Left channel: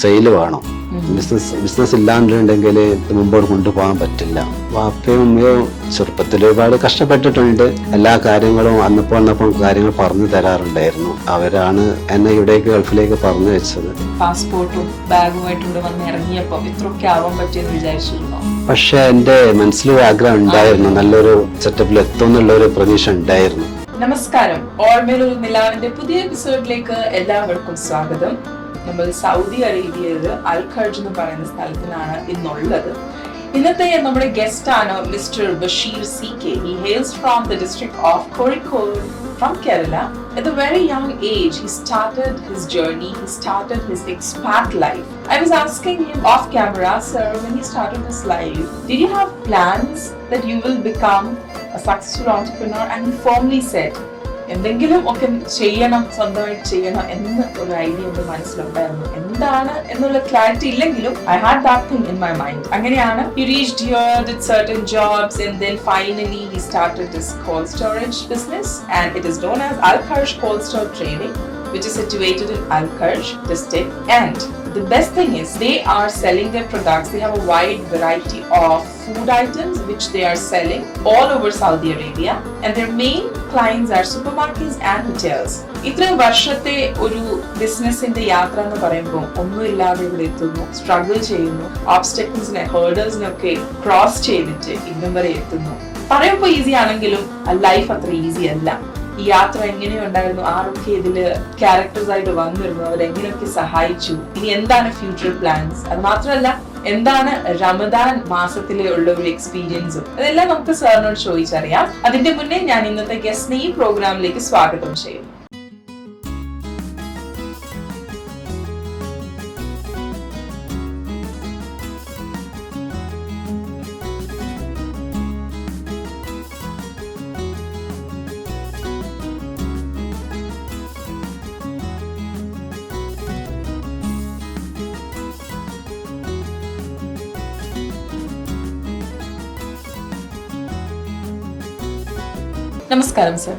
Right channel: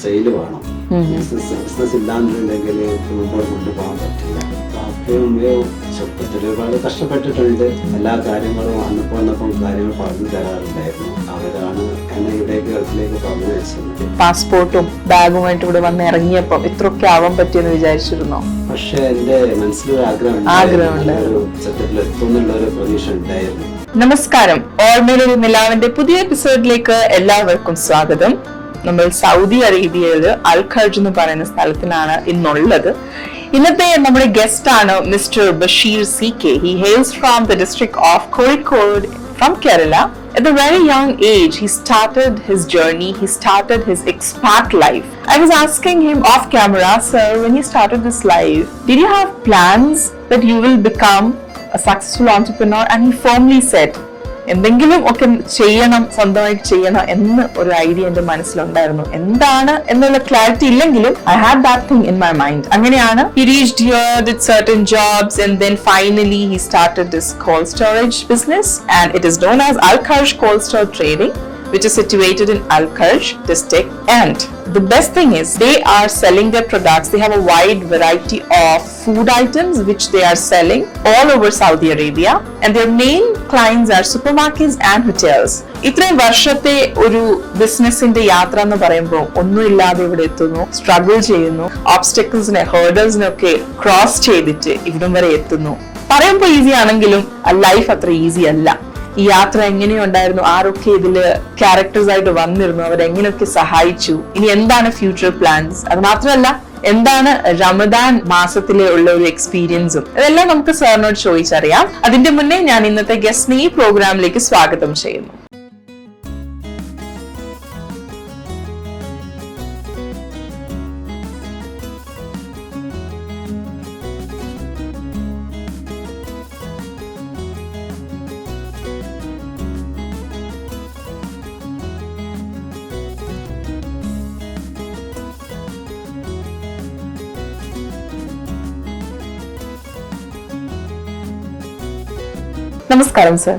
Sale വേണം. Business ഇല്ലാന്നുണ്ടെങ്കിൽ മുമ്പോട്ട് കൊണ്ടുപോകാൻ പറ്റില്ല. വാപ്പയും ഉമ്മയും ചെറുപ്പത്തിൽ ഒരുപാട് കഷ്ടപ്പെട്ടിട്ടുണ്ട്. എല്ലാ കാര്യങ്ങളും അന്നപ്പോൾ കാര്യങ്ങൾ പറഞ്ഞു തരാറുണ്ടായിരുന്നു. അവരാണ് എന്നെ ഇവിടേക്ക് ഗൾഫിലേക്ക് പറഞ്ഞു വെച്ചത്. പാസ്പോർട്ടും ബാഗുമായിട്ട് ഇവിടെ വന്ന് ഇറങ്ങിയപ്പോ ഇത്രയൊക്കെ ആവാൻ പറ്റിയെന്ന് വിചാരിച്ചിരുന്നോ? പക്ഷെ എന്റെ മനസ്സിലൊരു ആഗ്രഹം ഉണ്ടായിരുന്നു, നല്ലൊരു സെറ്റപ്പിൽ എത്തുമെന്നുള്ള ഒരു പ്രതീക്ഷ ഉണ്ടായിരുന്നു. നമസ്കാരം, ഓർമ്മയിലൊരു നിലാവിന്റെ പുതിയ എപ്പിസോഡിലേക്ക് എല്ലാവർക്കും സ്വാഗതം. നമ്മൾ സൗദി അറേബ്യയില് അൽ ഖർജ് എന്ന് പറയുന്ന സ്ഥലത്തിലാണ് ഇന്നുള്ളത്. ഇന്നത്തെ നമ്മുടെ ഗസ്റ്റ് ആണ് mister Basheer CK. He hails from the district of Kozhikode from Kerala. At a very young age, he started his journey. He started his expat life. I was asking him off camera, sir, when you started this life, did you have plans that you will become a successful entrepreneur? And he firmly said, എന്തെങ്കിലും ഒക്കെ ചെയ്യണം, സ്വന്തമായിട്ട് ചെയ്യണം എന്ന് ഒരു idea എന്റെ മനസ്സിലുണ്ടായിരുന്നു. എന്താണ് എന്നുള്ള ക്ലാരിറ്റി ഇല്ലെങ്കിലും I had that thing in my mind. അങ്ങനെയാണ് he reached here, did certain jobs, and then finally he started this cold storage business, and it is known as Al Kharj Cold Store Trading, which is situated in Al Kharj district. And the best thing is they are selling their products. They have a wide variety of food items which they are selling all over Saudi Arabia, and their main clients are supermarkets and hotels. ഇത്രയും വർഷത്തെ ഒരു ബിസിനസിന്റെ യാത്ര എന്ന് പറയുമ്പോൾ ഒന്നുമില്ലാതെ ഇവിടെ എത്തുന്നു, സ്ട്രഗിൾ ചെയ്യുന്നു, ഓബ്സ്റ്റക്കിൾസിനെ ഹേർഡൽസിനെ ഒക്കെ ക്രോസ് ചെയ്തിട്ട് ഇവിടം വരെ എത്തുന്നു. പറയുമ്പോൾ ഈസി ആണെങ്കിലും ലൈഫ് അത്ര ഈസി അല്ല. ഈ യാത്ര എങ്ങനെയുണ്ടായിരുന്നു, ആരൊക്കെ ഇതില് ക്യാരക്ടേഴ്സ് ആയിട്ട് വന്നിരുന്നു, അവരെങ്ങനെയൊക്കെ സഹായിച്ചു, ഇനി എന്താണ് ഫ്യൂച്ചർ പ്ലാൻസ്, അത് മാത്രമല്ല എന്താണ് റമദാൻ മാസത്തിലെ ഉള്ള ഒരു എക്സ്പീരിയൻസും, ഇതെല്ലാം നമുക്ക് സാറിനോട് ചോദിച്ചറിയാം. അതിന്റെ മുന്നേ ഞാൻ ഇന്നത്തെ ഗസ്റ്റിനെ ഈ പ്രോഗ്രാമിലേക്ക് സ്വാഗതം ചെയ്യുന്നു. നമസ്കാരം സർ.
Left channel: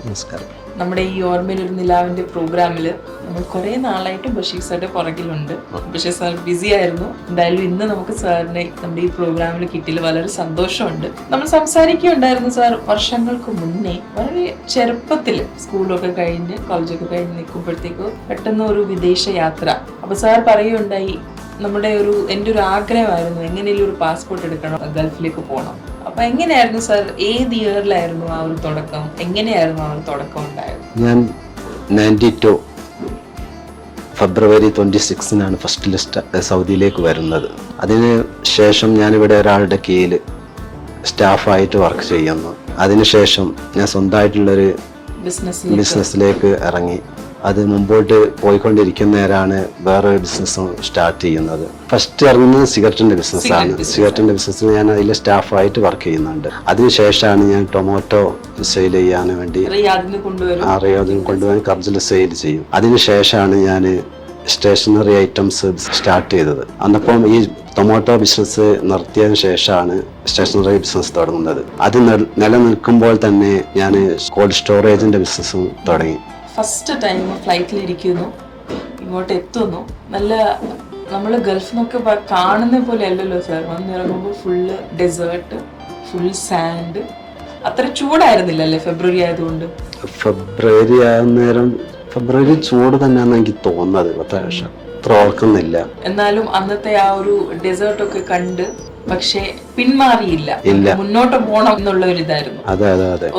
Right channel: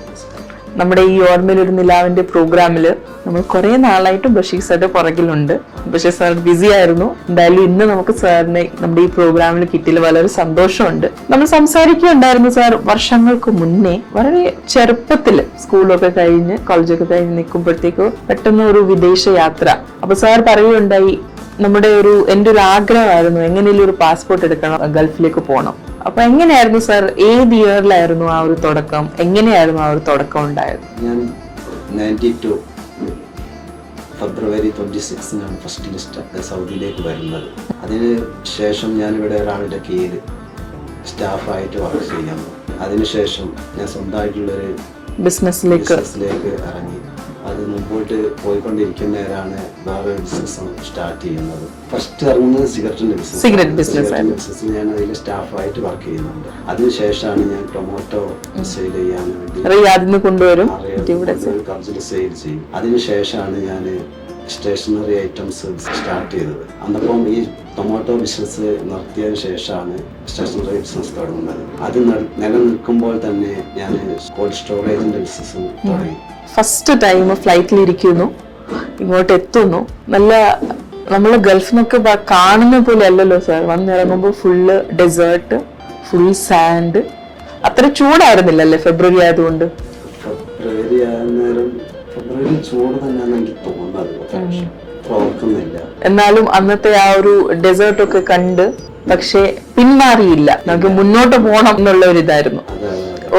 നമ്മുടെ ഈ ഓർമ്മയിൽ ഒരു നിലാവിന്റെ പ്രോഗ്രാമില് നമ്മൾ കുറെ നാളായിട്ട് ബഷീർ സാറിന്റെ പുറകിലുണ്ട്. ബഷീർ സാർ ബിസി ആയിരുന്നു. എന്തായാലും ഇന്ന് നമുക്ക് സാറിനെ നമ്മുടെ ഈ പ്രോഗ്രാമിൽ കിട്ടിയതിൽ വളരെ സന്തോഷമുണ്ട്. നമ്മൾ സംസാരിക്കുകയുണ്ടായിരുന്നു സാർ വർഷങ്ങൾക്ക് മുന്നേ, വളരെ ചെറുപ്പത്തില് സ്കൂളൊക്കെ കഴിഞ്ഞ് കോളേജൊക്കെ കഴിഞ്ഞ് നിൽക്കുമ്പോഴത്തേക്ക് പെട്ടെന്ന് ഒരു വിദേശ യാത്ര. അപ്പൊ സാർ പറയുകയുണ്ടായി, എന്റെ ഒരു ആഗ്രഹമായിരുന്നു എങ്ങനെയും ഒരു പാസ്പോർട്ട് എടുക്കണം, ഗൾഫിലേക്ക് പോകണം. അപ്പൊ എങ്ങനെയായിരുന്നു സാർ, ഏത് ഇയറിലായിരുന്നു ആ ഒരു തുടക്കം, എങ്ങനെയായിരുന്നു ആ ഒരു തുടക്കം ഉണ്ടായത്? ഞാൻ 92 ഫെബ്രുവരി 26 ഫസ്റ്റ് ലിസ്റ്റ് സൗദിയിലേക്ക് വരുന്നത്. അതിന് ശേഷം ഞാനിവിടെ ഒരാളുടെ കീഴിൽ സ്റ്റാഫായിട്ട് വർക്ക് ചെയ്യുന്നു. അതിനുശേഷം ഞാൻ സ്വന്തമായിട്ടുള്ളൊരു ബിസിനസ്സിലേക്ക് ഇറങ്ങി. അത് മുമ്പോട്ട് പോയിക്കൊണ്ടിരിക്കുന്നവരാണ് വേറെ ബിസിനസ് സ്റ്റാർട്ട് ചെയ്യുന്നത്. ഫസ്റ്റ് ഇറങ്ങുന്നത് സിഗരറ്റിന്റെ ബിസിനസ്. ഞാൻ അതിലെ സ്റ്റാഫായിട്ട് വർക്ക് ചെയ്യുന്നുണ്ട്. അതിനുശേഷമാണ് ഞാൻ ടൊമാറ്റോ സെയിൽ ചെയ്യാൻ വേണ്ടി കൊണ്ടുപോകാൻ കർജിൽ സെയിൽ ചെയ്യും. അതിനുശേഷമാണ് ഞാൻ സ്റ്റേഷനറി ഐറ്റംസ് സ്റ്റാർട്ട് ചെയ്തത്. അന്നപ്പം ഈ ടൊമാറ്റോ ബിസിനസ് നിർത്തിയതിനു ശേഷമാണ് സ്റ്റേഷനറി ബിസിനസ് തുടങ്ങുന്നത്. അത് നിലനിൽക്കുമ്പോൾ തന്നെ ഞാൻ കോൾഡ് സ്റ്റോറേജിന്റെ ബിസിനസ്സും തുടങ്ങി. ഫസ്റ്റ് ടൈം ഫ്ലൈറ്റിൽ ഇരിക്കുന്നു, ഇങ്ങോട്ട് എത്തുന്നു. നല്ല നമ്മൾ ഗൾഫിൽ നിന്നൊക്കെ കാണുന്ന പോലെ അല്ലല്ലോ സാർ. വന്നിറങ്ങുമ്പോൾ ഫുള്ള് ഡെസേർട്ട്, ഫുൾ സാൻഡ്. അത്ര ചൂടായിരുന്നില്ലല്ലേ ഫെബ്രുവരി ആയതുകൊണ്ട്? ഫെബ്രുവരി ചൂട് തന്നെയാണെന്ന് എനിക്ക് തോന്നുന്നത്. പക്ഷെ അത്ര ഓർക്കുന്നില്ല. എന്നാലും അന്നത്തെ ആ ഒരു ഡെസേർട്ട് ഒക്കെ കണ്ട് പക്ഷെ പിന്മാറിയില്ല, നമുക്ക് മുന്നോട്ട് പോകണം എന്നുള്ള ഒരു ഇതായിരുന്നു.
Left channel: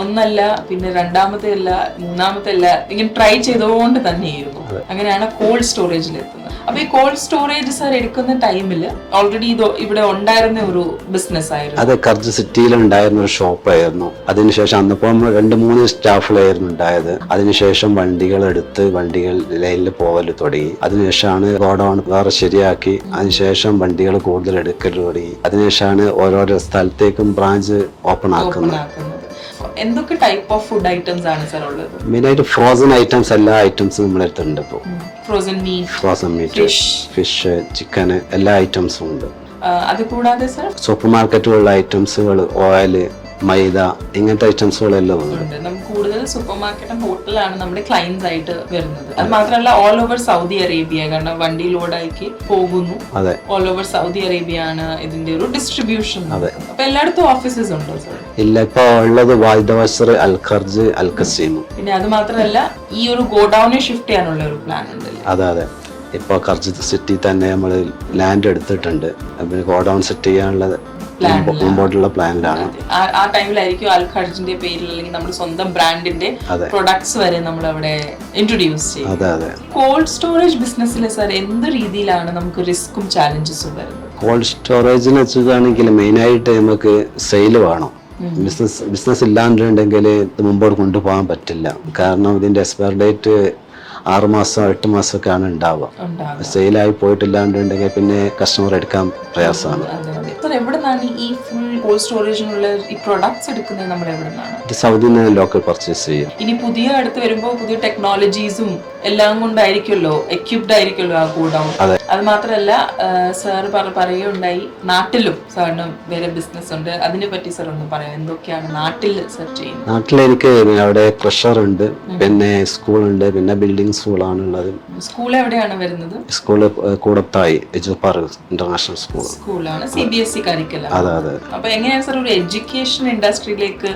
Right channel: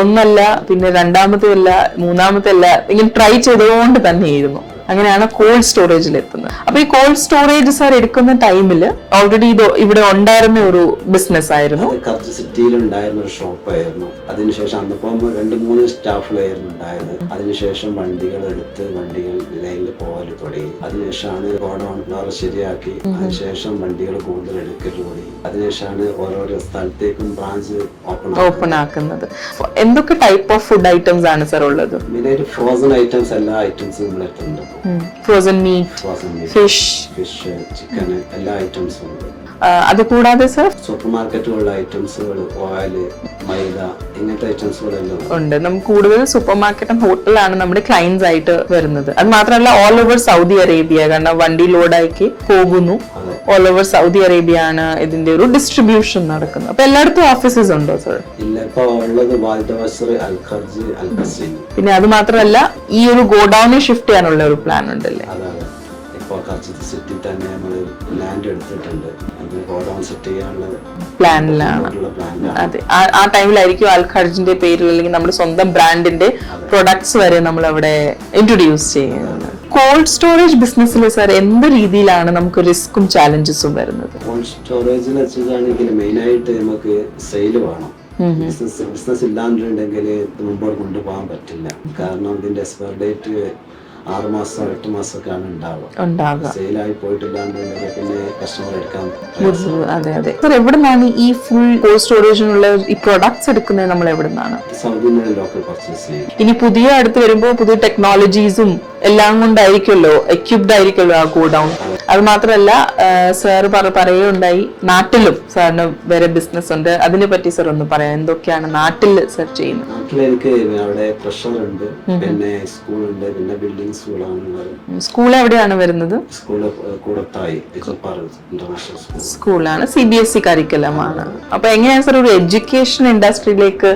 ഒന്നല്ല, പിന്നെ രണ്ടാമത്തെ അല്ല, മൂന്നാമത്തെ അല്ല, ഇങ്ങനെ ട്രൈ ചെയ്തുകൊണ്ട് തന്നെയായിരുന്നു. അങ്ങനെയാണ് കോൾഡ് സ്റ്റോറേജിൽ എത്തുന്നത്. അപ്പൊ ഈ കോൾഡ് സ്റ്റോറേജ് സാർ എടുക്കുന്ന ടൈമില് ഓൾറെഡി ഇത് ഇവിടെ ഉണ്ടായിരുന്ന ഒരു ബിസിനസ് ആയിരുന്നു. അത് കർജ് സിറ്റിയിൽ ഉണ്ടായിരുന്ന ഒരു ഷോപ്പായിരുന്നു. അതിനുശേഷം അന്നിപ്പോ 2-3 സ്റ്റാഫുകളായിരുന്നു ഉണ്ടായത്. അതിനുശേഷം വണ്ടികൾ എടുത്ത് വണ്ടികൾ ലൈനിൽ പോകല് തുടങ്ങി. അതിനുശേഷമാണ് ഗോഡൌൺ വേറെ ശരിയാക്കി. അതിനുശേഷം വണ്ടികൾ കൂടുതൽ എടുക്കൽ തുടങ്ങി. അതിനുശേഷമാണ് ഓരോരോ സ്ഥലത്തേക്കും ബ്രാഞ്ച് ഓപ്പൺ ആക്കുന്നത്. എന്തൊക്കെ ടൈപ്പ് ഓഫ് ഫുഡ് ഐറ്റംസ് ആണ് സാർ ഉള്ളത്? മെയിൻ ആയിട്ട് ഫ്രോസൺ ഐറ്റംസ്, എല്ലാ ഐറ്റംസും നമ്മുടെ അടുത്തുണ്ട്. ഫ്രോസൺ മീറ്റ്, ഫിഷ്, ചിക്കൻ, എല്ലാ ഐറ്റംസും ഉണ്ട്. അത് കൂടാതെ സാർ സൂപ്പർ മാർക്കറ്റുകളുടെ ഐറ്റംസുകൾ, ഓയില്, മൈദ ഇങ്ങനത്തെ ഐറ്റംസുകളെല്ലാം ഉണ്ട്. ഉണ്ട്. നമുക്ക് കൂടുതൽ സൂപ്പർ മാർക്കറ്റും ഹോട്ടലാണ് നമ്മുടെ ക്ലയൻസ് ആയിട്ട് വരുന്നത്. അത് മാത്രമല്ല ഓൾ ഓവർ സൗദി അറേബ്യ, കാരണം വണ്ടി ലോഡാക്കി പോകുന്നു. അതെ, ഓൾ ഓവർ സൗദി അറേബ്യ ആണ് ഇതിന്റെ ഒരു ഡിസ്ട്രിബ്യൂഷൻ നടക്കുന്നത്. അപ്പൊ എല്ലായിടത്തും ഓഫീസസ് ഉണ്ടോ സർ? ഇല്ല, ഇപ്പൊ ഉള്ളത് വാൽദവസർ, അൽ ഖർജ്, അൽ ഖസീം. പിന്നെ അത് മാത്രമല്ല ഈ ഒരു ഗോഡൌണിൽ ഷിഫ്റ്റ് ചെയ്യാനുള്ള ഒരു പ്ലാൻ ഉണ്ടല്ലേ? അതെ അതെ, ഇപ്പൊ ഖർജ് സിറ്റി തന്നെ നമ്മൾ ലാൻഡ് എടുത്തിട്ടുണ്ട്. ഗോഡൌൺ സെറ്റ് ചെയ്യാനുള്ള പ്ലാനിലാണ്. അതെ, ആ ടൈമിലായിരിക്കും അൽ ഖർജിന്റെ പേരിൽ അല്ലെങ്കിൽ നമ്മുടെ സ്വന്തം ബ്രാൻഡിന്റെ പ്രൊഡക്ട്സ് വരെ നമ്മൾ അവിടെ ഇൻട്രൊഡ്യൂസ് ചെയ്യുന്നത്. കോൾഡ് സ്റ്റോറേജ് ബിസിനസ്സിൽ സാർ എന്ത് രീതിയിലാണ് നമുക്ക് റിസ്കും ചാലഞ്ചസും വരുന്നത്? കോൾഡ് സ്റ്റോറേജിന് വെച്ചിട്ടാണെങ്കിൽ മെയിൻ ആയിട്ട് നമുക്ക് സെയിൽ വേണം. ബിസിനസ് ഇല്ലാണ്ടുണ്ടെങ്കിൽ ഇത് മുമ്പോട്ട് കൊണ്ടുപോകാൻ പറ്റില്ല. കാരണം ഇതിന്റെ എക്സ്പയർ ഡേറ്റ് 6 മാസം 8 മാസമൊക്കെയാണ് ഉണ്ടാവുക. സെയിലായി പോയിട്ടില്ലാണ്ടുണ്ടെങ്കിൽ പിന്നെ കസ്റ്റമർ എടുക്കാൻ പ്രയാസമാണ്. അതെ അതെ സാർ, എവിടുന്നാണ് ഈ ഫുൾ കോൾഡ് സ്റ്റോറേജിനുള്ള ഈ പ്രൊഡക്ട്സ് എടുക്കുന്നത്? നമ്മൾ എവിടുന്നാണ്? സൗദിയിൽ നിന്ന് ലോക്കൽ പർച്ചേസ് ചെയ്യും. ഇനി പുതിയ അടുത്ത് വരുമ്പോൾ പുതിയ ടെക്നോളജീസും എല്ലാം കൊണ്ടായിരിക്കുമല്ലോ, എക്യുപ്ഡ് ആയിരിക്കുമല്ലോ ആ ഗോഡൌൺ. അത് മാത്രമല്ല സാർ പറയുകയുണ്ടായി നാട്ടിലും സാറിന് വേറെ ബിസിനസ് ഉണ്ട്. അതിനെ പറ്റി സാർ ഒന്ന് പറയാം, എന്തൊക്കെയാണ് നാട്ടിൽ സാർ ചെയ്യുന്നത്? നാട്ടിൽ എനിക്ക് അവിടെ ക്രഷർ ഉണ്ട്, പിന്നെ സ്കൂളുണ്ട്, പിന്നെ ബിൽഡിംഗ് സ്കൂളാണുള്ളത്. സ്കൂൾ എവിടെയാണ് വരുന്നത്? സ്കൂള് കൂടത്തായി ഇന്റർനാഷണൽ സ്കൂളാണ്. CBSE curriculum. അപ്പൊ എങ്ങനെയാണ് സാർ ഒരു എഡ്യൂക്കേഷൻ ഇൻഡസ്ട്രിയിലേക്ക്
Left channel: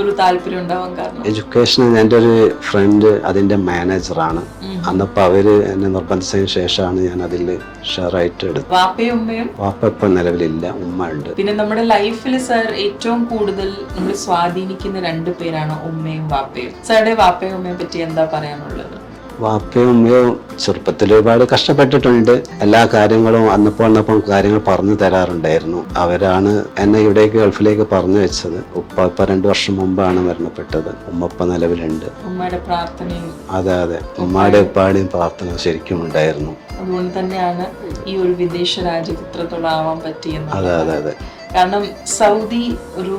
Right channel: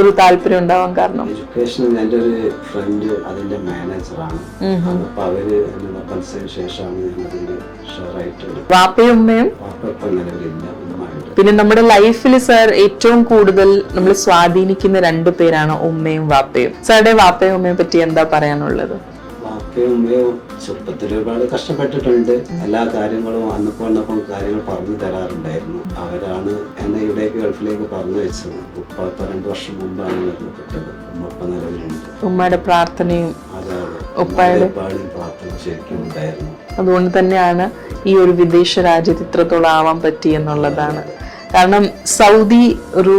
ഒരു താല്പര്യം ഉണ്ടാവാൻ കാരണം? എഡ്യൂക്കേഷൻ എൻ്റെ ഒരു ഫ്രണ്ട് അതിന്റെ മാനേജറാണ്. അന്നപ്പോ അവര് എന്നെ നിർബന്ധിച്ചതിന് ശേഷമാണ് ഞാൻ അതിൽ ഷെയർ ആയിട്ട് എടുത്തത്. വാപ്പയും ഉമ്മയും? വാപ്പ ഇപ്പൊ നിലവിലില്ല, ഉമ്മ ഉണ്ട്. പിന്നെ നമ്മുടെ ലൈഫിൽ സാർ ഏറ്റവും കൂടുതൽ നമ്മൾ സ്വാധീനിക്കുന്ന 2 പേരാണ് ഉമ്മയും വാപ്പയും. സാറുടെ വാപ്പയും ഉമ്മയെ പറ്റി എന്താ പറയാനുള്ളത്? വാപ്പയും ഉമ്മയും ചെറുപ്പത്തിൽ ഒരുപാട് കഷ്ടപ്പെട്ടിട്ടുണ്ട്. എല്ലാ കാര്യങ്ങളും അന്നപ്പോ കാര്യങ്ങൾ പറഞ്ഞു തരാറുണ്ടായിരുന്നു. അവരാണ് എന്നെ ഇവിടേക്ക് ഗൾഫിലേക്ക് പറഞ്ഞു വെച്ചത്. ഉപ്പ ഇപ്പൊ 2 വർഷം മുമ്പാണ് മരണപ്പെട്ടത്. ഉമ്മ ഇപ്പൊ നിലവിലുണ്ട്. ഉമ്മയുടെ പ്രാർത്ഥനയും. അതെ അതെ, ഉമ്മയുടെ ഉപ്പാടെയും പ്രാർത്ഥന ശരിക്കും ഉണ്ടായിരുന്നു. അതുകൊണ്ട് തന്നെയാണ് ഈ ഒരു വിദേശ രാജ്യത്ത് ഇത്രത്തോളം ആവാൻ പറ്റി എന്നുള്ളത്. കാരണം സൗദി ഒരു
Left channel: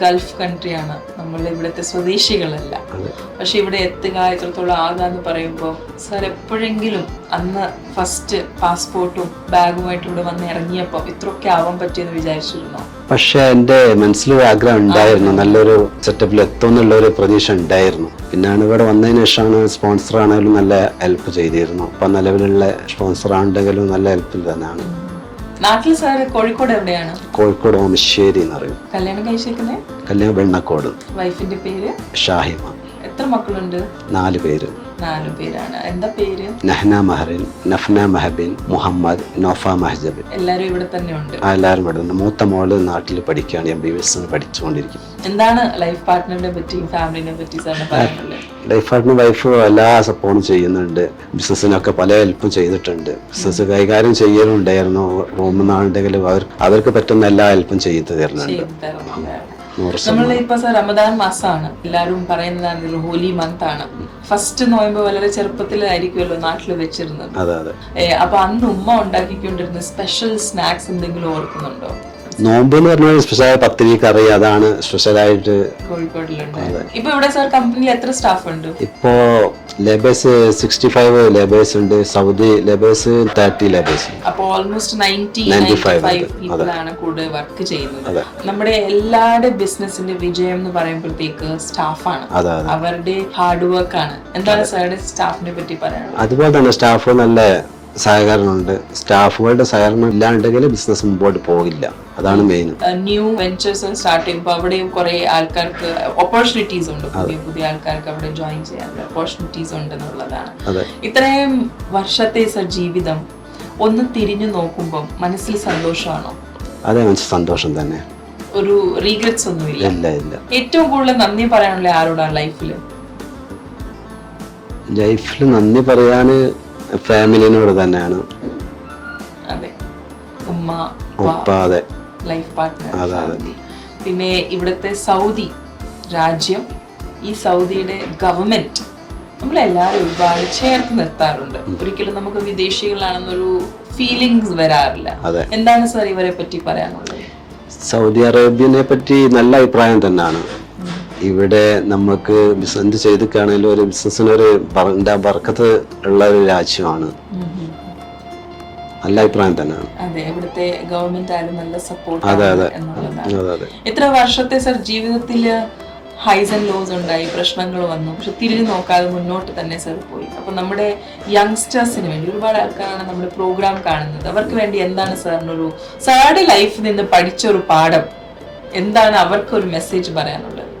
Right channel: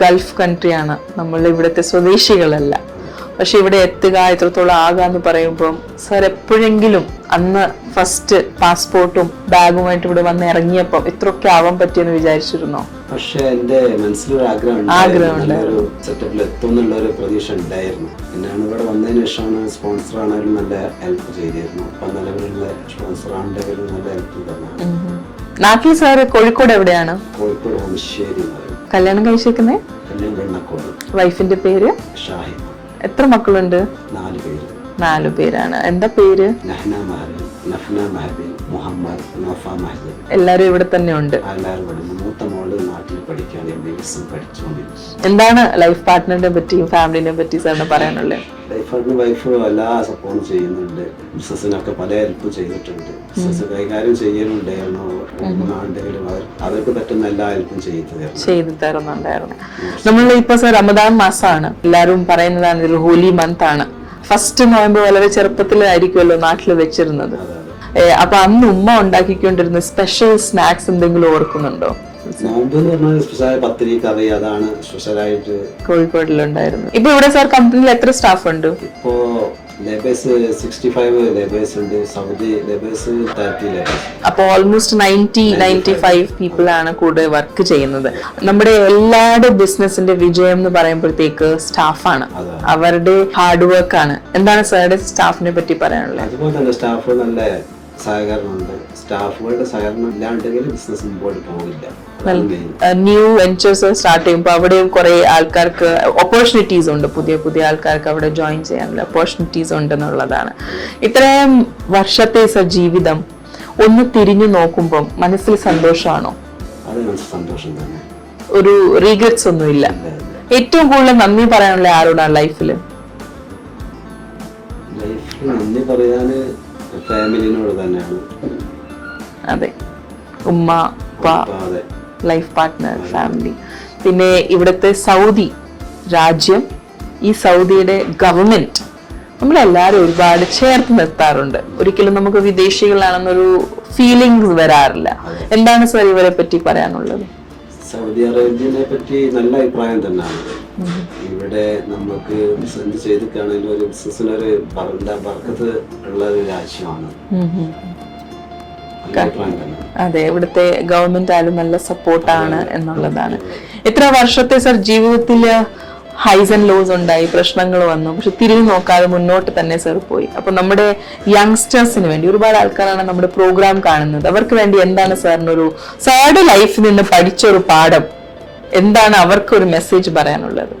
ഗൾഫ് കൺട്രിയാണ്, നമ്മൾ ഇവിടുത്തെ സ്വദേശികളല്ല. പക്ഷെ ഇവിടെ എത്തുക, ഇത്രത്തോളം ആകാന്ന് പറയുമ്പോൾ സാർ എപ്പോഴെങ്കിലും അന്ന് ഫസ്റ്റ് പാസ്പോർട്ടും ബാഗുമായിട്ട് ഇവിടെ വന്ന് ഇറങ്ങിയപ്പോ ഇത്രയൊക്കെ ആവാൻ പറ്റിയെന്ന് വിചാരിച്ചിരുന്നോ? പക്ഷെ എന്റെ മനസ്സിലൊരു ആഗ്രഹം ഉണ്ടായിരുന്നു, നല്ലൊരു സെറ്റപ്പിൽ എത്തും എന്നുള്ള ഒരു പ്രതീക്ഷ ഉണ്ടായിരുന്നു. പിന്നാണ് ഇവിടെ വന്നതിന് ശേഷമാണ് സ്പോൺസർ ആണെങ്കിലും നല്ല ഹെൽപ്പ് ചെയ്തിരുന്നു. അപ്പൊ നിലവിലുള്ള സ്പോൺസർ ആണെങ്കിലും നല്ല ഹെൽപ്പിൽ തന്നെയാണ്. നാട്ടിൽ സാറ് കോഴിക്കോട് എവിടെയാണ്? കോഴിക്കോട് ഓമശ്ശേരി എന്ന് പറയും. കല്യാണം കഴിച്ചേക്കുന്നേ? കല്യാണം വെണ്ണക്കോട്. വൈഫിന്റെ പേര്? ഷാഹിമ. എത്ര മക്കളുണ്ട്? 4 പേര്. 4 പേരാണ്. എന്താ പേര്? നഹ്ന മഹറിൻ, നഫ്ന മഹബിൻ, മുഹമ്മദ്, നോഫ മഹജബിൻ. എല്ലാരും ഇവിടെ തന്നെ ഉണ്ട്? എല്ലാവരും ഇവിടെ ഉണ്ട്. മൂത്ത മോള് നാട്ടിൽ പഠിക്കുകയാണ്, MBBS പഠിച്ചുകൊണ്ടിരിക്കും. എന്താണ് ലൈഫ് പാർട്ട്ണറിനെ പറ്റിയും ഫാമിലിനെ പറ്റി സാറിന് പറയാനുള്ളത്? ലൈഫ് പാർട്ട്ണർ വൈഫ് എല്ലാ സപ്പോർട്ടും ചെയ്യുന്നുണ്ട്. ബിസിനസ്സിനൊക്കെ പല ഹെൽപ്പും ചെയ്തിട്ടുണ്ട്. ബിസിനസ് കൈകാര്യം ചെയ്യലുണ്ടായിരുന്നു. റൂമെന്നാണെങ്കിലും അവർക്ക് പറ്റുന്ന എല്ലാ ഹെൽപ്പും ചെയ്തു തരുന്നുണ്ടായിരുന്നു. നമ്മൾ ഇപ്പൊ റമദാൻ മാസമാണ്, എല്ലാരും പറയുന്നതാണ് ഒരു ഹോലി മന്ത് ആണ്. ഫസ്റ്റ് നോയമ്പ് വളരെ ചെറുപ്പത്തിലായിരിക്കുമല്ലോ നാട്ടിൽ വെച്ചിരുന്നത്. അപ്പൊ അന്ന് ഉമ്മ ഉണ്ടാക്കിക്കൊണ്ടിരുന്ന സ്പെഷ്യൽ സ്നാക്സ് എന്തെങ്കിലും ഓർക്കുന്നുണ്ടോ? നോമ്പ് എന്ന് പറഞ്ഞാൽ സ്പെഷ്യൽ പത്തിരി കറി, അതാണ് സ്പെഷ്യലായിട്ട് കോഴിക്കോടിലുണ്ടായിരുന്നു. ഇപ്പൊ ഇവിടെ സാർ കമ്പനിയിൽ എത്ര സ്റ്റാഫ് ഉണ്ട്? ഇപ്പോ ലേബേഴ്സ് 65 ലേബേഴ്സ് ഉണ്ട്. Saudi labours 30 labours. അപ്പൊ ഓൾമോസ്റ്റ് 95 പീപ്പിൾ ആണ് കൂടെ വർക്ക് ചെയ്യുന്നത്. നമ്മുടെ എല്ലാവരുടെ ബിസിനസിന്റെ വിജയം എന്ന് പറയുമ്പോഴത്തേക്ക് സ്റ്റാഫാണ്, അവരുടെ ഹാർഡ് വർക്ക് ആണ്. എന്താണ് സാറുടെ സ്റ്റാഫിനെ പറ്റി പറയാനുള്ളത്? അതുപോലെ തന്നെ സ്റ്റാഫ് നല്ല സഹകരണമുണ്ട്. സ്റ്റാഫുകളുടെ സഹകരണം ഇല്ലാണ്ടെങ്കിൽ ബിസിനസ് മുമ്പോട്ട് പോകില്ല. അതാണ് മെയിൻ. ന്യൂ വെഞ്ചേഴ്സ് സ്റ്റാർട്ട് ചെയ്യുമ്പോൾ അവിടെയും കുറെ ആൾക്കാർക്ക് ഓപ്പർച്യൂണിറ്റീസ് ഉണ്ട്. പുതിയ ആൾക്കാർക്ക് അവിടെ ജോയിൻ ചെയ്യാനുള്ള ഓപ്പർച്യൂണിറ്റീസ് ഉണ്ടെന്നുള്ളതാണ്. ഇത്രയും വർഷത്തെ ജീവിതം ഒന്ന് തിരിഞ്ഞു നോക്കുമ്പോൾ മനസ്സിൽ സന്തോഷമാണോ? അതെ, മനസ്സിൽ സന്തോഷം തന്നെ. ഒരു റീഗ്രറ്റ്സ് ഒന്നും ഇല്ല? ഏറ്റവും കൂടുതൽ നന്ദി പറയാനുള്ള ആരോടാണ് ലൈഫിൽ നന്ദി പറയാന്? ഫാമിലിനോട് തന്നെയാണ്. അതെ, ഉമ്മ, അതെ, ലൈഫ് പാർട്ട്ണർ, ഫാമിലി. പിന്നെ ഇവിടുത്തെ സൗദി രാജ്യം, ഈ സൗദിയുടെ ഗവൺമെന്റ് നമ്മളെല്ലാരും ഒരുപാട് ചേർത്ത് നിർത്താറുണ്ട്. ഒരിക്കലും നമുക്ക് വിദേശികളാണെന്നൊരു ഫീലിങ്സ് വരാറില്ല. എന്താണ് സാർ ഇവരെ പറ്റി പറയാനുള്ളത്? സൗദി അറേബ്യനെ പറ്റി നല്ല അഭിപ്രായം തന്നെയാണ്. ഇവിടെ നമുക്ക് എന്ത് ചെയ്തിട്ടാണെങ്കിലും ഒരു ബിസിനസ്സിനൊരു ബർക്കത്ത് ഉള്ള ഒരു രാജ്യമാണ്. നല്ല അഭിപ്രായം തന്നെയാണ്. അതെ, ഇവിടുത്തെ ഗവൺമെന്റ് ആയാലും നല്ല സപ്പോർട്ടാണ് എന്നുള്ളതാണ്. എത്ര വർഷത്തെ സർ ജീവിതത്തില് ഹൈസ് ആൻഡ് ലോസ് ഉണ്ടായി, പ്രശ്നങ്ങൾ വന്നു, പക്ഷെ തിരിഞ്ഞു നോക്കാതെ മുന്നോട്ട് തന്നെ സർ പോയി. അപ്പൊ നമ്മുടെ യങ്സ്റ്റേഴ്സിന് വേണ്ടി ഒരുപാട് ആൾക്കാരാണ് നമ്മുടെ പ്രോഗ്രാം കാണുന്നത്. അവർക്ക് വേണ്ടി എന്താണ് സാറിനൊരു സാറുടെ ലൈഫിൽ നിന്ന് പഠിച്ചൊരു പാഠം എന്താണ്, അവർക്കൊരു മെസ്സേജ് പറയാനുള്ളത്?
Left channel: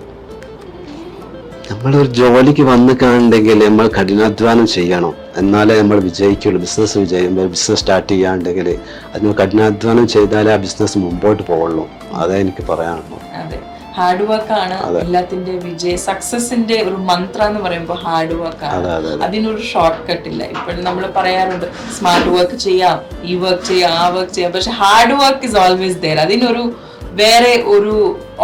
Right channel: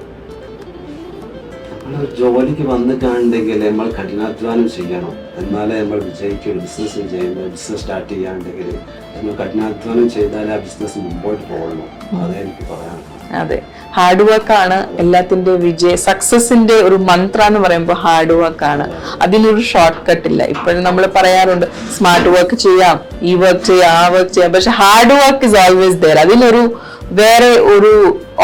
നമ്മളൊരു ജോലിക്ക് വന്ന് കാണുന്നുണ്ടെങ്കിൽ നമ്മൾ കഠിനാധ്വാനം ചെയ്യണം, എന്നാലേ നമ്മൾ വിജയിക്കുള്ളൂ. ബിസിനസ് ബിസിനസ് സ്റ്റാർട്ട് ചെയ്യാണ്ടെങ്കിൽ അതിന് കഠിനാധ്വാനം ചെയ്താലേ ആ ബിസിനസ് മുമ്പോട്ട് പോകുള്ളൂ. അതേ എനിക്ക് പറയാനുള്ളൂ. അതെ, ഹാർഡ് വർക്ക് ആണ് എല്ലാത്തിന്റെ സക്സസിന്റെ ഒരു മന്ത്ര എന്ന് പറയുമ്പോൾ ഹാർഡ് വർക്ക് ആണ്. അതിലൊരു ഷോർട്ട് കട്ട് ഇല്ല. ഇപ്പോഴും നമ്മൾ പറയാറുണ്ട് സ്മാർട്ട് വർക്ക് ചെയ്യാം, ഈ വർക്ക് ചെയ്യാം, ആ വർക്ക് ചെയ്യാം, പക്ഷെ hard work is always there. അതിലൊരു വേറെ ഒരു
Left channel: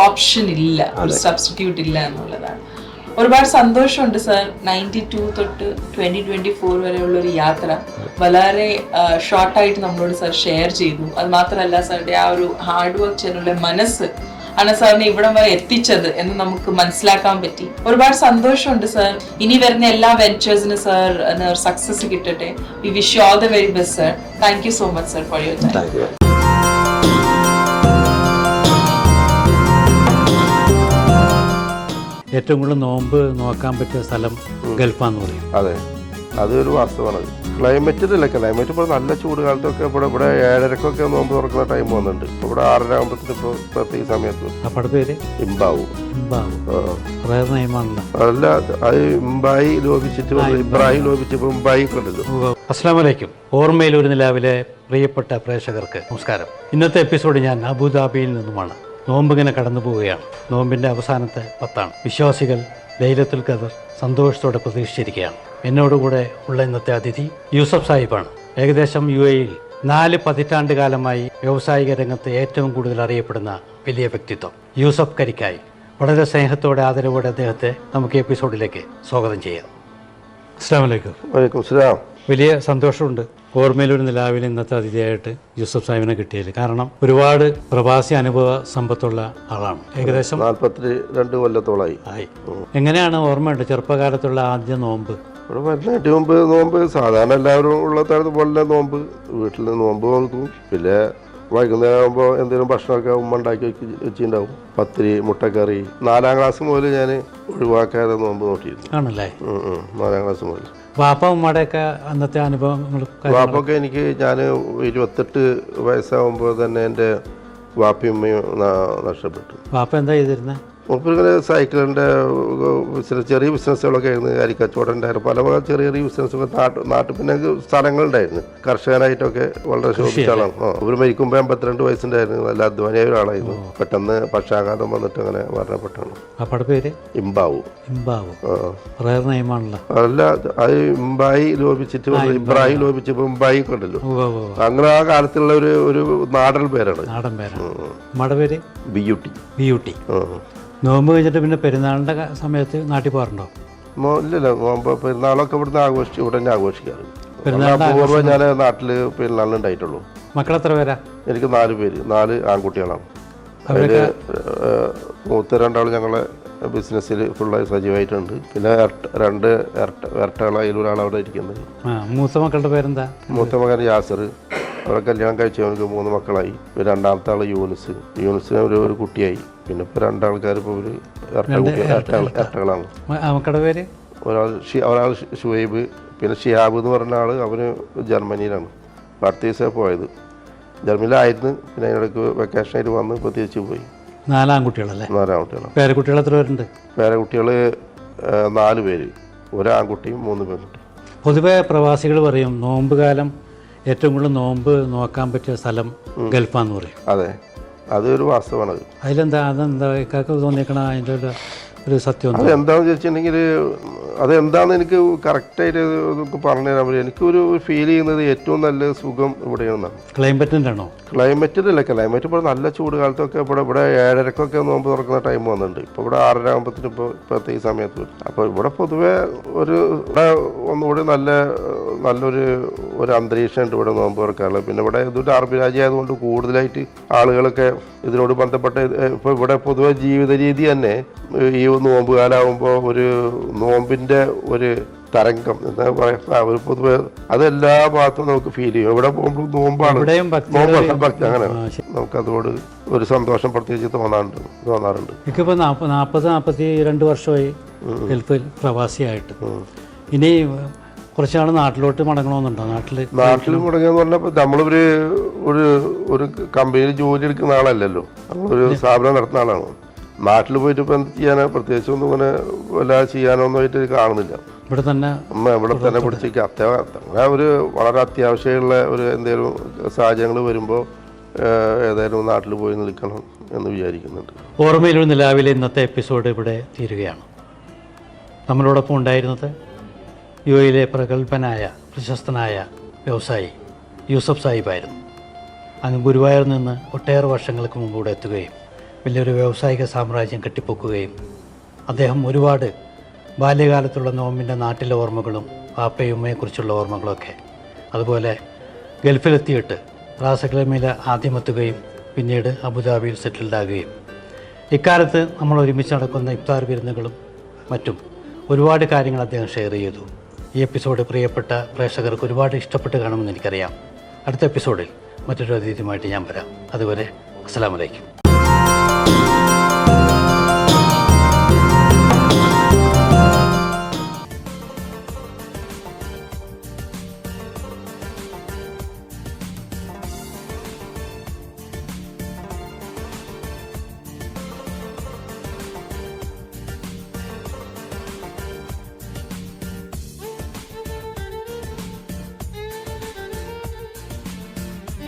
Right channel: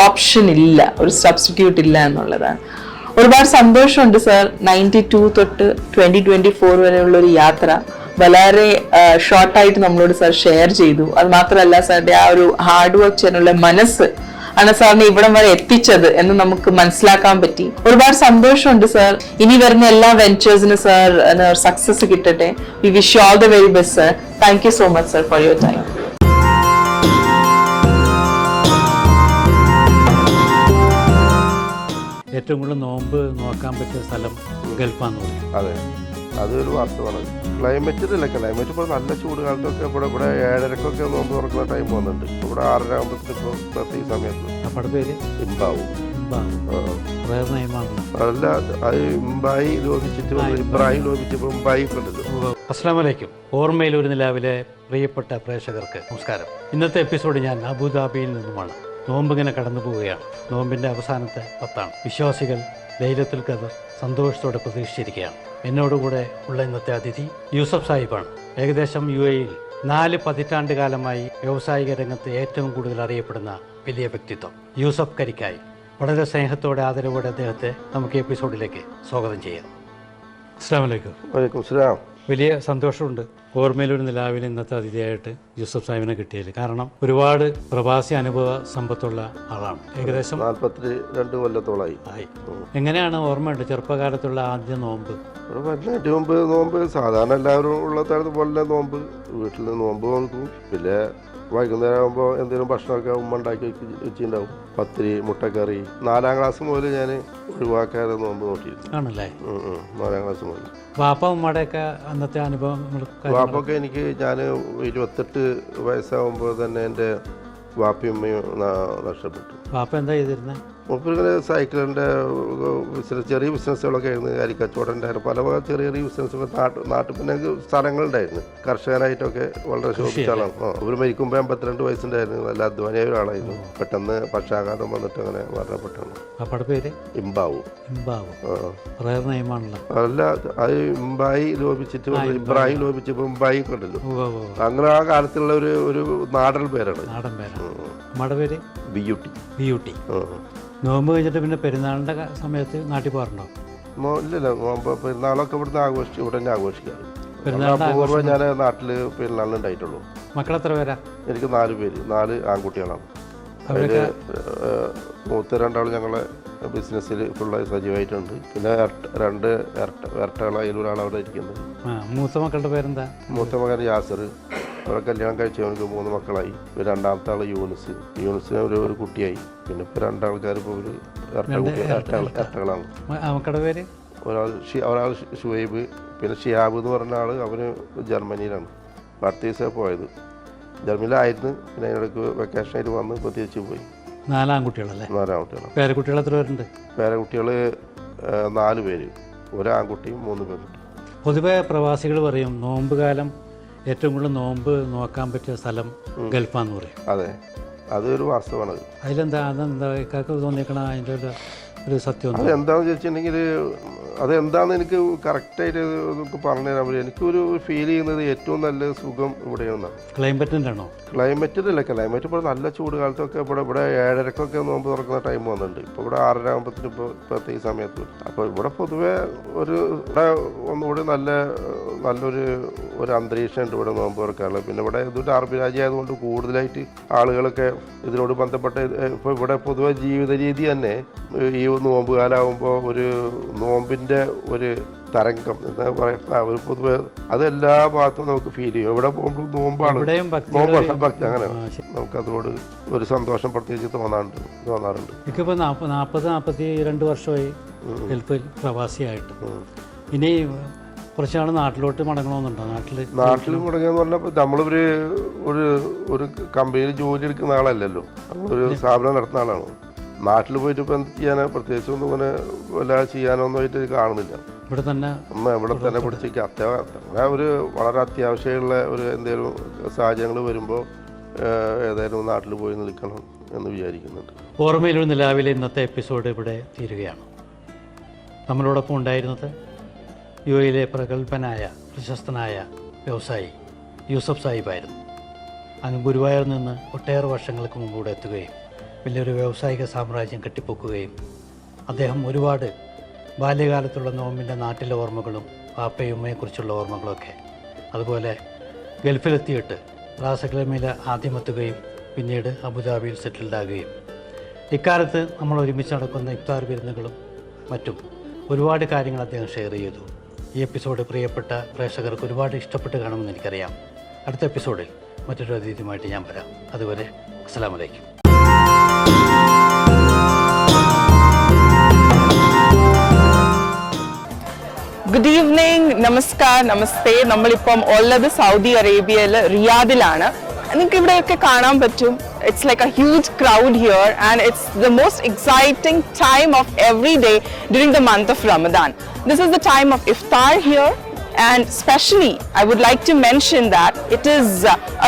ഓപ്ഷൻ ഇല്ല, ഒരു സബ്സ്റ്റിറ്റ്യൂട്ട് ഇല്ല എന്നുള്ളതാണ്. ഒരുപാട് സന്തോഷമുണ്ട് സർ. 92 തൊട്ട് 2024 വരെയുള്ള ഒരു യാത്ര വളരെ ഷോർട്ടായിട്ട് നമ്മളോട് സർ ഷെയർ ചെയ്തു. അത് മാത്രമല്ല സാറിന്റെ ആ ഒരു ഹാർഡ് വർക്ക് ചെയ്യാനുള്ള മനസ്സ് ആണ് സാറിനെ ഇവിടം വരെ എത്തിച്ചത് എന്ന് നമുക്ക് മനസ്സിലാക്കാൻ പറ്റി. ഒരുപാട് സന്തോഷമുണ്ട് സർ. ഇനി വരുന്ന എല്ലാ വെഞ്ചേഴ്സിനും സർ സക്സസ് കിട്ടട്ടെ. We wish you all the very best sir. Thank you so much sir for your time. ഏറ്റവും കൂടുതൽ നോമ്പ് നോക്കാൻ പറ്റിയ സ്ഥലം ഗൾഫാന്ന് പറയും. അതെ, അതൊരു വാസ്തവമാണ്. ക്ലൈമറ്റിലല്ല, ക്ലൈമറ്റ് ഇപ്പോൾ നല്ല ചൂട് കാലത്തൊക്കെ ഇവിടെ 7:30 നോമ്പ് തുറക്കുന്ന ടൈം വന്നിട്ടുണ്ട്. ഇപ്പോൾ ഇവിടെ 6:30 ആകുമ്പോഴത്തേന് ഇപ്പോൾ പ്രത്യേക സമയത്ത് അപ്പടെ പേര് ഇമ്പാവും. നിയമാണല്ലോ. അല്ല, അത് ഇമ്പായി ലോപിച്ചിട്ട് ഇബ്രാഹിം ലോപിച്ചപ്പോൾ ഇമ്പായി ഉണ്ടല്ലോ. അസ്സലാമു അലൈക്കും. ഓർമ്മയിൽ ഒരു നിലാവിലെ പ്രിയപ്പെട്ട പ്രേക്ഷകർക്ക് നമസ്കാരം. ഇന്നത്തെ എപ്പിസോഡ് ഞാൻ അബുദാബിയിൽ നിന്നുമാണ്. നോമ്പിങ്ങനെ കടന്നു പോവുകയാണ്. നോമ്പിൻ്റെ അവസാനത്തെ 10 വിശ്വാസികൾ ലൈലത്തുൽ ഖദർ സന്തോഷത്തോടെ പ്രതീക്ഷിച്ചിരിക്കുകയാണ്. എന്നോടുകൂടെ ഉള്ള ഇന്നത്തെ അതിഥി യൂസഫ് സാഹിബാണ്. ഏകദേശം UAE-യിൽ 4 പതിറ്റാണ്ട് കാലമായി വ്യാവസായിക രംഗത്ത് ഏറ്റവും കൂടുതൽ അറിയപ്പെടുന്ന വലിയ വ്യക്തിത്വം യൂസഫ് കരിക്കായി. വളരെ സ്നേഹത്തോടെ ആദരവോടെ അദ്ദേഹത്തെ നമുക്ക് എപ്പിസോഡിലേക്ക് സ്വാഗതം ചെയ്യാം. അസ്സലാമു അലൈക്കും. വലൈക്കും സലാം. വലിയ സന്തോഷമുണ്ട് ഓർമ്മയിലൊരു നിലാവിൽ ഇന്നത്തെ അതിഥിയായിട്ട് യൂസഫ് സാഹിബിനെ കിട്ടിയത്. കാരണം ഒരുപാട് പ്രവാസി അനുഭവ സമ്പത്തുള്ള ആളാണ്. ഏകദേശം 42 കൊല്ലത്തോളായി ആയി. എങ്ങനെയാണ് ഓർമ്മയുണ്ട് ചെറുപ്പകാലത്തുള്ള ആദ്യ നോമ്പ്? ഇവിടെ വരുന്നതിന് മുമ്പ് നോമ്പ് സാധാരണ എല്ലാവരും ഉള്ള തരത്ത് പോലെ നോമ്പ് വീട്ടിൽ നോമ്പ് നോക്കും. പിന്നെ വൈകുന്നേരം ആകുമ്പോൾ എന്തെങ്കിലും ഭക്ഷണമൊക്കെ ഉമ്മ ഉണ്ടാക്കി വെച്ചിട്ടുണ്ടാവും. പത്തിരി, മുട്ടക്കറി. 4ാം ക്ലാസ് മുതൽ ഞാൻ ഒഴിവാക്കാതെ നോമ്പ് നോക്കിയിരുന്നു. ആണല്ലേ? 4ാം ക്ലാസ് മുതൽ. വാപ്പ ഉമ്മയുടെയൊക്കെ അന്നത്തെ അനുഭവങ്ങൾ? വാപ്പൊക്കെ എനിക്ക് ഞാൻ 28 വയസ്സാകുമ്പോൾ തന്നെ എൻ്റെ വാപ്പയും ഉമ്മയും നഷ്ടപ്പെട്ടു. വാപ്പ എന്താ ചെയ്തിരുന്നത്? മൂപ്പരിങ്ങനെ സൈക്കിളിൻ്റെ ബിസിനസ്, ചെറിയ ബിസിനസ്സുകളൊക്കെ ആയിരുന്നു. അരിക്കച്ചവടം ഉണ്ടായിരുന്നു. പല ചെറിയ ചെറിയ ബിസിനസ്സൊക്കെ നാട്ടിൽ പിന്നെ സ്ഥലങ്ങളുണ്ടായിരുന്നു. കർഷകനായിട്ടൊക്കെ വളരെ ശോഭിച്ച ആളാണ്. അവർ മരിക്കുമ്പോൾ 52 വയസ്സുണ്ടായിരുന്നു. നല്ല അധ്വാനിയായ ഒരാളായിരുന്നു. പെട്ടെന്ന് പക്ഷാഘാതം വന്നിട്ട് അങ്ങനെ മരണപ്പെട്ടാണ്. അപ്പടെ പേര് ഇമ്പാവു. ഇമ്പാവു നിയമാണല്ലോ. അല്ല, അത് ഇമ്പായി ലോപിച്ചിട്ട് ഇബ്രാഹിം ലോപിച്ചപ്പോൾ ഇമ്പായി ഉണ്ടല്ലോ. അങ്ങനെ ആ കാലത്തുള്ള ഒരു നാടൻ പേരാണ്. നാടൻ പേരാണ്. നമ്മുടെ പേര് ബിയൂട്ടി. ബിയൂട്ടി. നോമ്പ് കഴിഞ്ഞിട്ട് പിന്നെ പെരുന്നാളിന്റെ സമയത്ത് നാട്ടിൽ പോകാറുണ്ടോ? ഇല്ലല്ല, നോമ്പ് പെരുന്നാളൊക്കെ ഇവിടുന്ന് ഇവിടെ തന്നെ ആഘോഷിക്കാറ്. പൂർവ്വം ഞാൻ നാട്ടിൽ പെരുന്നാളിന് ഉണ്ടായിട്ടുള്ളൂ. മക്കളെത്ര പേരാ? എനിക്ക് 4 പേര്, 4 ആൺകുട്ടികളാണ്. അതിൽ മൂത്ത 2 ആൾ ഞങ്ങളെ ബിസിനസ്സിൽ ഫുള്ളായി സജീവമായിട്ടുണ്ട്. പിന്നെ 2 ഇരട്ടകൾ, അതിലൊരാൾ അവിടെ ഇരിക്കുന്നത്. മൂത്ത മക്കളുടെ പേരെന്താ? മൂത്ത മകൻ യാസർ. അവരെ കല്യാണം കഴിച്ചവർക്ക് 3 മക്കളായി. രണ്ടാമത്തെ ആൾ യൂനുസിന് ഒരു കുട്ടിയായി. പിന്നെ ഇപ്പോൾ 2 ആൾക്കാർ ഇപ്പോൾ ഒരു ഇരട്ടകളാണ്. മക്കളുടെ പേര്? ഒരാൾ ഷുഹൈബ്. പിന്നെ ഷിഹാബ് എന്ന് പറഞ്ഞ ആൾ, അവന് ജർമ്മനിയിലാണ്. അടുത്ത ദിവസമാണ് പോയത്. ജർമ്മനിയിലായിരുന്നു. പിന്നെ അതിനിടയ്ക്ക് വെക്കേഷനായിട്ട് വന്ന് ഇപ്പോൾ തിരിച്ചു പോയി. 4 ആൺകുട്ടികളല്ലേ? 4 ആൺകുട്ടികളാണ്. പേരക്കുട്ടികൾ എത്ര പേരുണ്ട്? പേരക്കുട്ടികൾ 4 പേര്, 1 ആൺകുട്ടിയും 3 പെൺകുട്ടിയും. പൊതുവെ പ്രവാസികൾ പറയും നോമ്പ് കാലം ഏറ്റവും കൂടുതൽ നോമ്പ് നോക്കാൻ പറ്റിയ സ്ഥലം ഗൾഫാന്ന് പറയും. അതെ, അതൊരു വാസ്തവമാണ്. അതിലെന്താ, അതെന്താ ഇക്കാക്ക് തോന്നിയേക്കണ അതിൻ്റെ ഒരു സത്യം? അതെന്താണെന്ന് ചോദിച്ചിട്ടുണ്ടെങ്കിൽ അതെന്താണെന്ന് എനിക്ക് കറക്റ്റായിട്ട് പറഞ്ഞു തരാൻ പറ്റും. എനിക്കൊരു ഫീൽ ചെയ്യുന്നത് ഏറ്റവും നല്ല സുഖം ഇവിടെയാണെന്നാണ്. ക്ലൈമറ്റിൻ്റെ ആണോ? ക്ലൈമറ്റിലല്ല, ക്ലൈമറ്റ് ഇപ്പോൾ നല്ല ചൂട് കാലത്തൊക്കെ ഇവിടെ 7:30 നോമ്പ് തുറക്കുന്ന ടൈം വന്നിട്ടുണ്ട്. ഇപ്പോൾ ഇവിടെ 6:30 ആകുമ്പോഴത്തേന് ഇപ്പോൾ പ്രത്യേക സമയത്ത്. അപ്പോൾ ഇവിടെ പൊതുവെ ഒന്നുകൂടി നല്ല ഒരു അന്തരീക്ഷമുണ്ട് ഇവിടെ നോമ്പ് തുറക്കാനുള്ളത്. പിന്നെ ഇവിടെ ഇതൊരു അറബ് രാജ്യമായതുകൊണ്ട് കൂടുതലായിട്ട് ആളുകളൊക്കെ ഇതിനോട് ബന്ധപ്പെട്ട ഇപ്പോൾ ഇവിടെ പൊതുവെ ജീവിത രീതി തന്നെ ഈ നോമ്പ് കാലമാകുമ്പോൾ ഒരു നോമ്പിൻ്റെ ഒരു തരംഗം എന്താ പറയുക, ഒരു പൊതുവെ അതെല്ലാ ഭാഗത്തും നമുക്ക് ഫീൽ ചെയ്യും. എവിടെ പോകുമ്പോൾ നോമ്പാണ്, ഭക്തി അങ്ങനെ നമുക്കതോട് ഒരു സന്തോഷം പ്രത്യേകിച്ച് തോന്നാറുണ്ട്. എനിക്കിപ്പോൾ 42 വർഷമായി ഗൾഫിൽ പ്രവാസിയായിട്ട്. ഇനി കുറച്ചാൾ നാട്ടിലോട്ട് മടങ്ങണമെന്നുണ്ടോ? നാട്ടിൽ മടങ്ങുകയെന്ന് പറഞ്ഞപ്പോൾ നമ്മളൊരു ഒരു കമ്പനിയിൽ ജോലി എടുക്കുന്ന ആളല്ലല്ലോ, നമ്മളൊരു സ്ഥാപനം നടത്തുന്ന ആളാണ്. നാട്ടിൽ പോയിട്ട് ഇപ്പം എന്ത് ചെയ്യാനോ പ്രത്യേകിച്ചൊന്നും ഇങ്ങനെ വല്ലാതെ ചെയ്യാനൊന്നും ആയിട്ട് കാണുന്നില്ല. ഇവിടെ തന്നെ പിടിച്ചേക്ക് അങ്ങനെ ഒരു വളരെ അത്യാവശ്യമുള്ള ഒരു എന്തെങ്കിലും സാഹചര്യങ്ങൾ വരുമ്പോൾ ഏതായാലും നാട്ടിൽ പോയി നിൽക്കണം എന്ന് വിചാരിക്കുന്നുണ്ട്. ഓർമ്മയിലൊരു നിലാവിലെ ഇന്നത്തെ എപ്പിസോഡ് ഇവിടെ തീരുകയാണ്. നമ്മളോടൊപ്പം ഉണ്ടായിരുന്നത് യുഎയിലെ പ്രഗത്ഭനായ പ്രശസ്തനായ വ്യവസായി യൂസഫ് സാഹിബായിരുന്നു. അങ്ങ് ഗുരുവായൂരിൽ നിന്ന് ഒട്ടേറെ വർഷങ്ങൾക്ക് മുമ്പ് ഇവിടെ എത്തുകയും വലിയൊരു വ്യാവസായിക സാമ്രാജ്യം കെട്ടിപ്പൊക്കുകയും അദ്ദേഹം ഒരുപാട് ബാല്യകാലത്തുള്ള നോമ്പിൻ്റെ നാട്ടിലെ ഓർമ്മകളും പാപ്പയും ഉമ്മയെക്കുറിച്ചുള്ള ഓർമ്മകളൊക്കെ, അതുപോലെ ഗൾഫിലെത്തിയിട്ട് റാസക്ലമയിൽ ആദ്യമെത്തുകയും പിന്നീട് അബുദാബിയിൽ സെറ്റിൽഡാകുകയും ഇക്കാലത്ത് നമ്മൾ ഒരുമിച്ച് നടക്കുന്ന ഇഫ്താർ വിരുന്നുകളും മറ്റും ഒരുപാട് കാര്യങ്ങൾ അദ്ദേഹം ഷെയർ ചെയ്തു. ഈ എപ്പിസോഡ് പ്രിയപ്പെട്ട പ്രേക്ഷകർക്ക് ഒരുപാട് ഇഷ്ടപ്പെട്ട് കാണുമെന്ന് എനിക്കറിയാം. അടുത്ത എപ്പിസോഡിൽ മറ്റൊരു അതിഥിയുമായിട്ട് ഞാൻ വരാം. അതുവരെ അസ്സലാമു അലൈക്കും. ഗുഡ് ഈവനിങ്, നമസ്കാർ, നമസ്തേ. നമ്മളിപ്പം ഉള്ളത് സൗദി അറേബ്യയിൽ റിയാദിലാണ്. നിങ്ങൾക്ക് ഇവിടെയൊക്കെ കാണാൻ പറ്റും. It's like a huge crowd here and it's the most exciting time of every day during the month of Ramadan. This is the time of iftar here, and especially I would like to mention that it is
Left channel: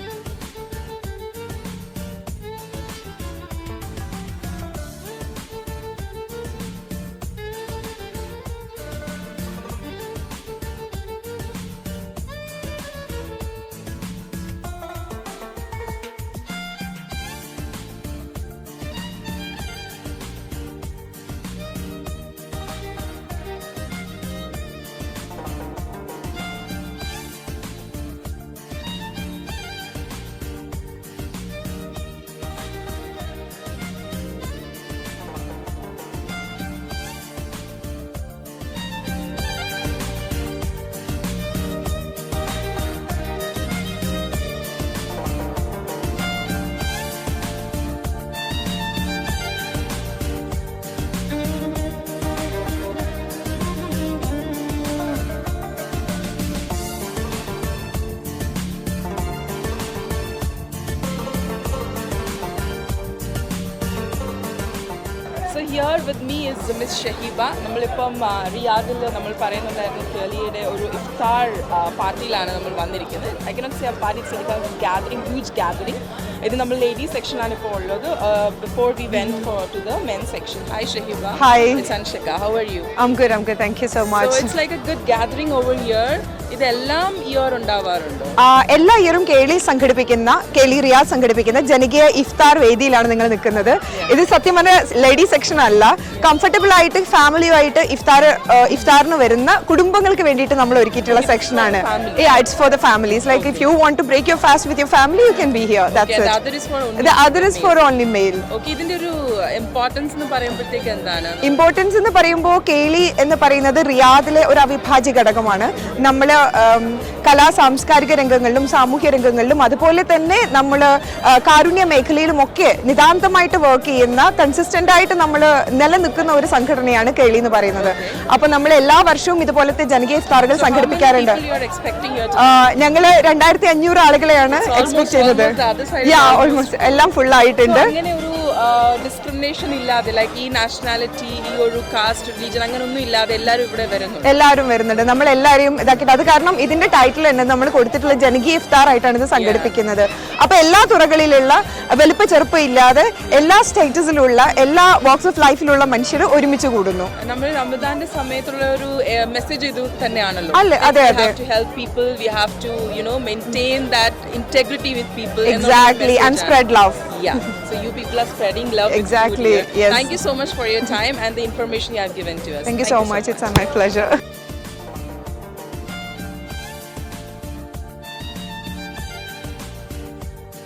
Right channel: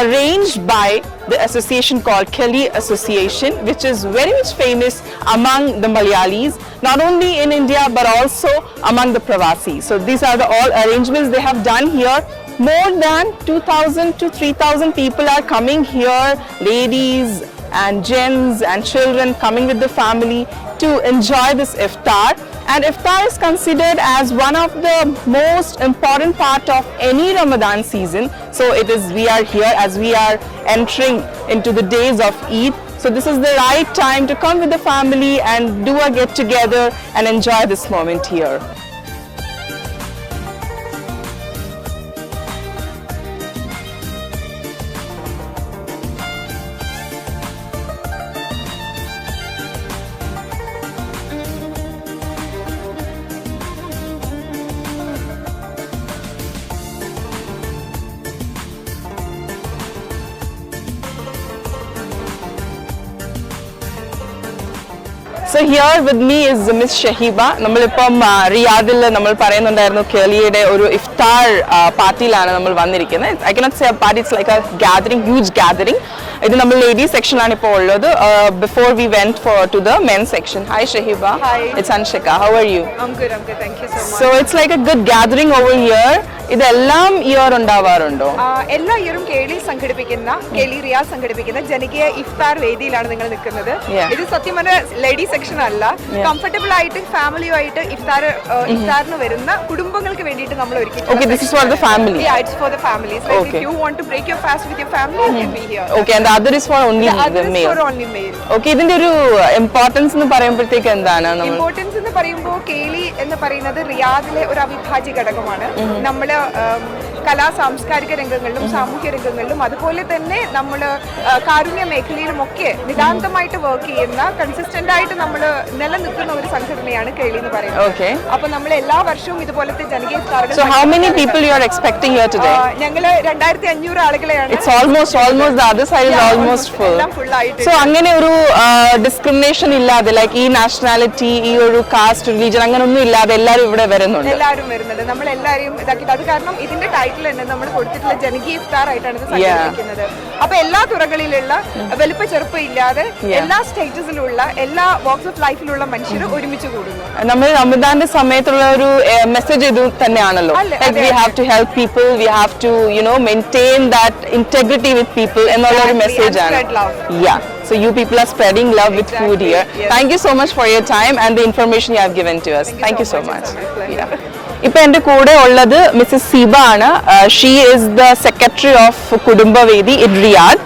arranged by the association called Kelly Association, which is very much famous among the Malayalis, not only in India but also among the Pravasi. So these are the all arrangements they have done here. More than 2,000 to 3,000 people are coming here, ladies and gents and children coming with the family to enjoy this iftar. And iftar is considered as one of the most important part of any Ramadan season. So we are here as we are entering into the days of Eid. So this is the right time to come with the family and do a get together and enjoy this moment here. So here with me is Miss Shahiba. നമ്മളിപ്പം റിയാദിൽ നമ്മൾ പറയുന്നുണ്ടായിരുന്നു കേളിയുടെ ഒരു ഇഫ്താർ പാർട്ടിയിലാണ് നമ്മൾ വന്നിരിക്കുന്നത്. I cannot say a party, it's like a gathering, huge gathering. ഇത് നമ്മൾ ladies സെക്ഷനാണ് ഇപ്പോൾ ഉള്ളത്. Before we went to the men's section. Hi Shahiba. Hi. It's Anshika. How are you? I'm good. Thank you so much. So it's like a good gathering over here. ഇതെല്ലാം year ഉണ്ടാവാറുണ്ടോ? എല്ലാ ഇയറും കേളി Riyadh സംഘടിപ്പിക്കുന്ന ജനകീയ ഇഫ്താർ വേദിയിലാണ് നിങ്ങൾ നിൽക്കുന്നത്. ഇത് സത്യം പറഞ്ഞ lady section അല്ല, കംഫർട്ടബിൾ ആയിട്ട് ഫാമിലിയുമായിട്ട് ഇഫ്താറിന് വരുന്ന കുടുംബങ്ങൾക്ക് വേണ്ടിയിട്ട് നമ്മൾ ഒരുക്കിയിട്ടുള്ള സെക്ഷനാണ്. Yeah, it's for the families. Like if you want to break your fast with your family, you can be here. Okay, the other is for only male. The other is for only male. Okay, ഇതിന്റെ ഒരു importance എന്ന് പറയുമ്പോഴത്തേക്ക് എന്താണ്? Importance എന്ന് പറയുമ്പോൾ കേളി എന്ന് പറയുന്നത് റിയാദിലെ ഒരു അവിഭാജ്യ ഘടകമാണ്. നമ്മൾ കലാ സാംസ്കാരിക രംഗങ്ങളിലും സാമൂഹ്യ രംഗങ്ങളിലും അതുപോലെ തന്നെ നമ്മൾ കാരുണ്യ മേഖലയിലും ഒക്കെ നിതാന്തമായിട്ട് വർക്ക് ചെയ്യുന്ന കൺസിസ്റ്റന്റ് ആയിട്ട് നമ്മൾ നിലനിൽക്കുന്ന ഒരു സംഘടനയാണ് കേളി എന്ന് പറയുന്നത്. അപ്പൊ നമ്മൾ എല്ലാ വർഷവും ഇതുപോലത്തെ ജനകീയ ഇഫ്താറുകൾ ഞങ്ങൾ 2,500 ആളുകളെയാണ് എല്ലാം ഫുൾ ആയിട്ട്. അങ്ങനെ ഒരു ഡിസ്ക്രിമിനേഷൻ ഇല്ലാതെ ലൈക്ക് ഈ നാഷണാലിറ്റി, ഈ ഒരു കാസ്റ്റ്, റിലീജൻ അങ്ങനെ ഒന്നും ഇല്ലാതെ എല്ലാവരും ഇവിടെ വരുന്നുണ്ട്. എല്ലാവരും വരുന്നുണ്ട്. നമ്മൾ എല്ലാവരും ഇതാക്കിയിട്ട് അത് കാരണം ഇതിന്റെ ടൈറ്റിൽ തന്നെ നമ്മൾ കൊടുത്തിട്ടുള്ള ജനകീയ ഇഫ്താർ ആയിട്ടാണ് ഇത് സംഘടിപ്പിക്കുന്നത്. അപ്പൊ എല്ലാ തുറകളിലുള്ള വലുപ്പ ചെറുപ്പം ഇല്ലാതെ എല്ലാ സ്റ്റേറ്റസിലുള്ള എല്ലാ വാക്സ് ഓഫ് ലൈഫിലുള്ള മനുഷ്യർ ഒരുമിച്ച് കൂടുന്നു. നമ്മൾ റമദാന്റെ സമയത്തുള്ള ഒരു മെസ്സേജ് ഇത് തന്നെയാണല്ലോ. We have to help people, we have to maintain that integrity with people എന്നുള്ള ഒരു മെസ്സേജ് ആണ്. Spread love. Yeah. So you people are spreading love with food here. Yes. Thank you so much for your time and the information you have given to us. Thank you so much. It's my pleasure. ഇപ്പൊ എന്റെ കൂടെ ഉള്ളത് Mrs Seeba ആണ്. She is the secretary of Kudumbavedi in Riyadh.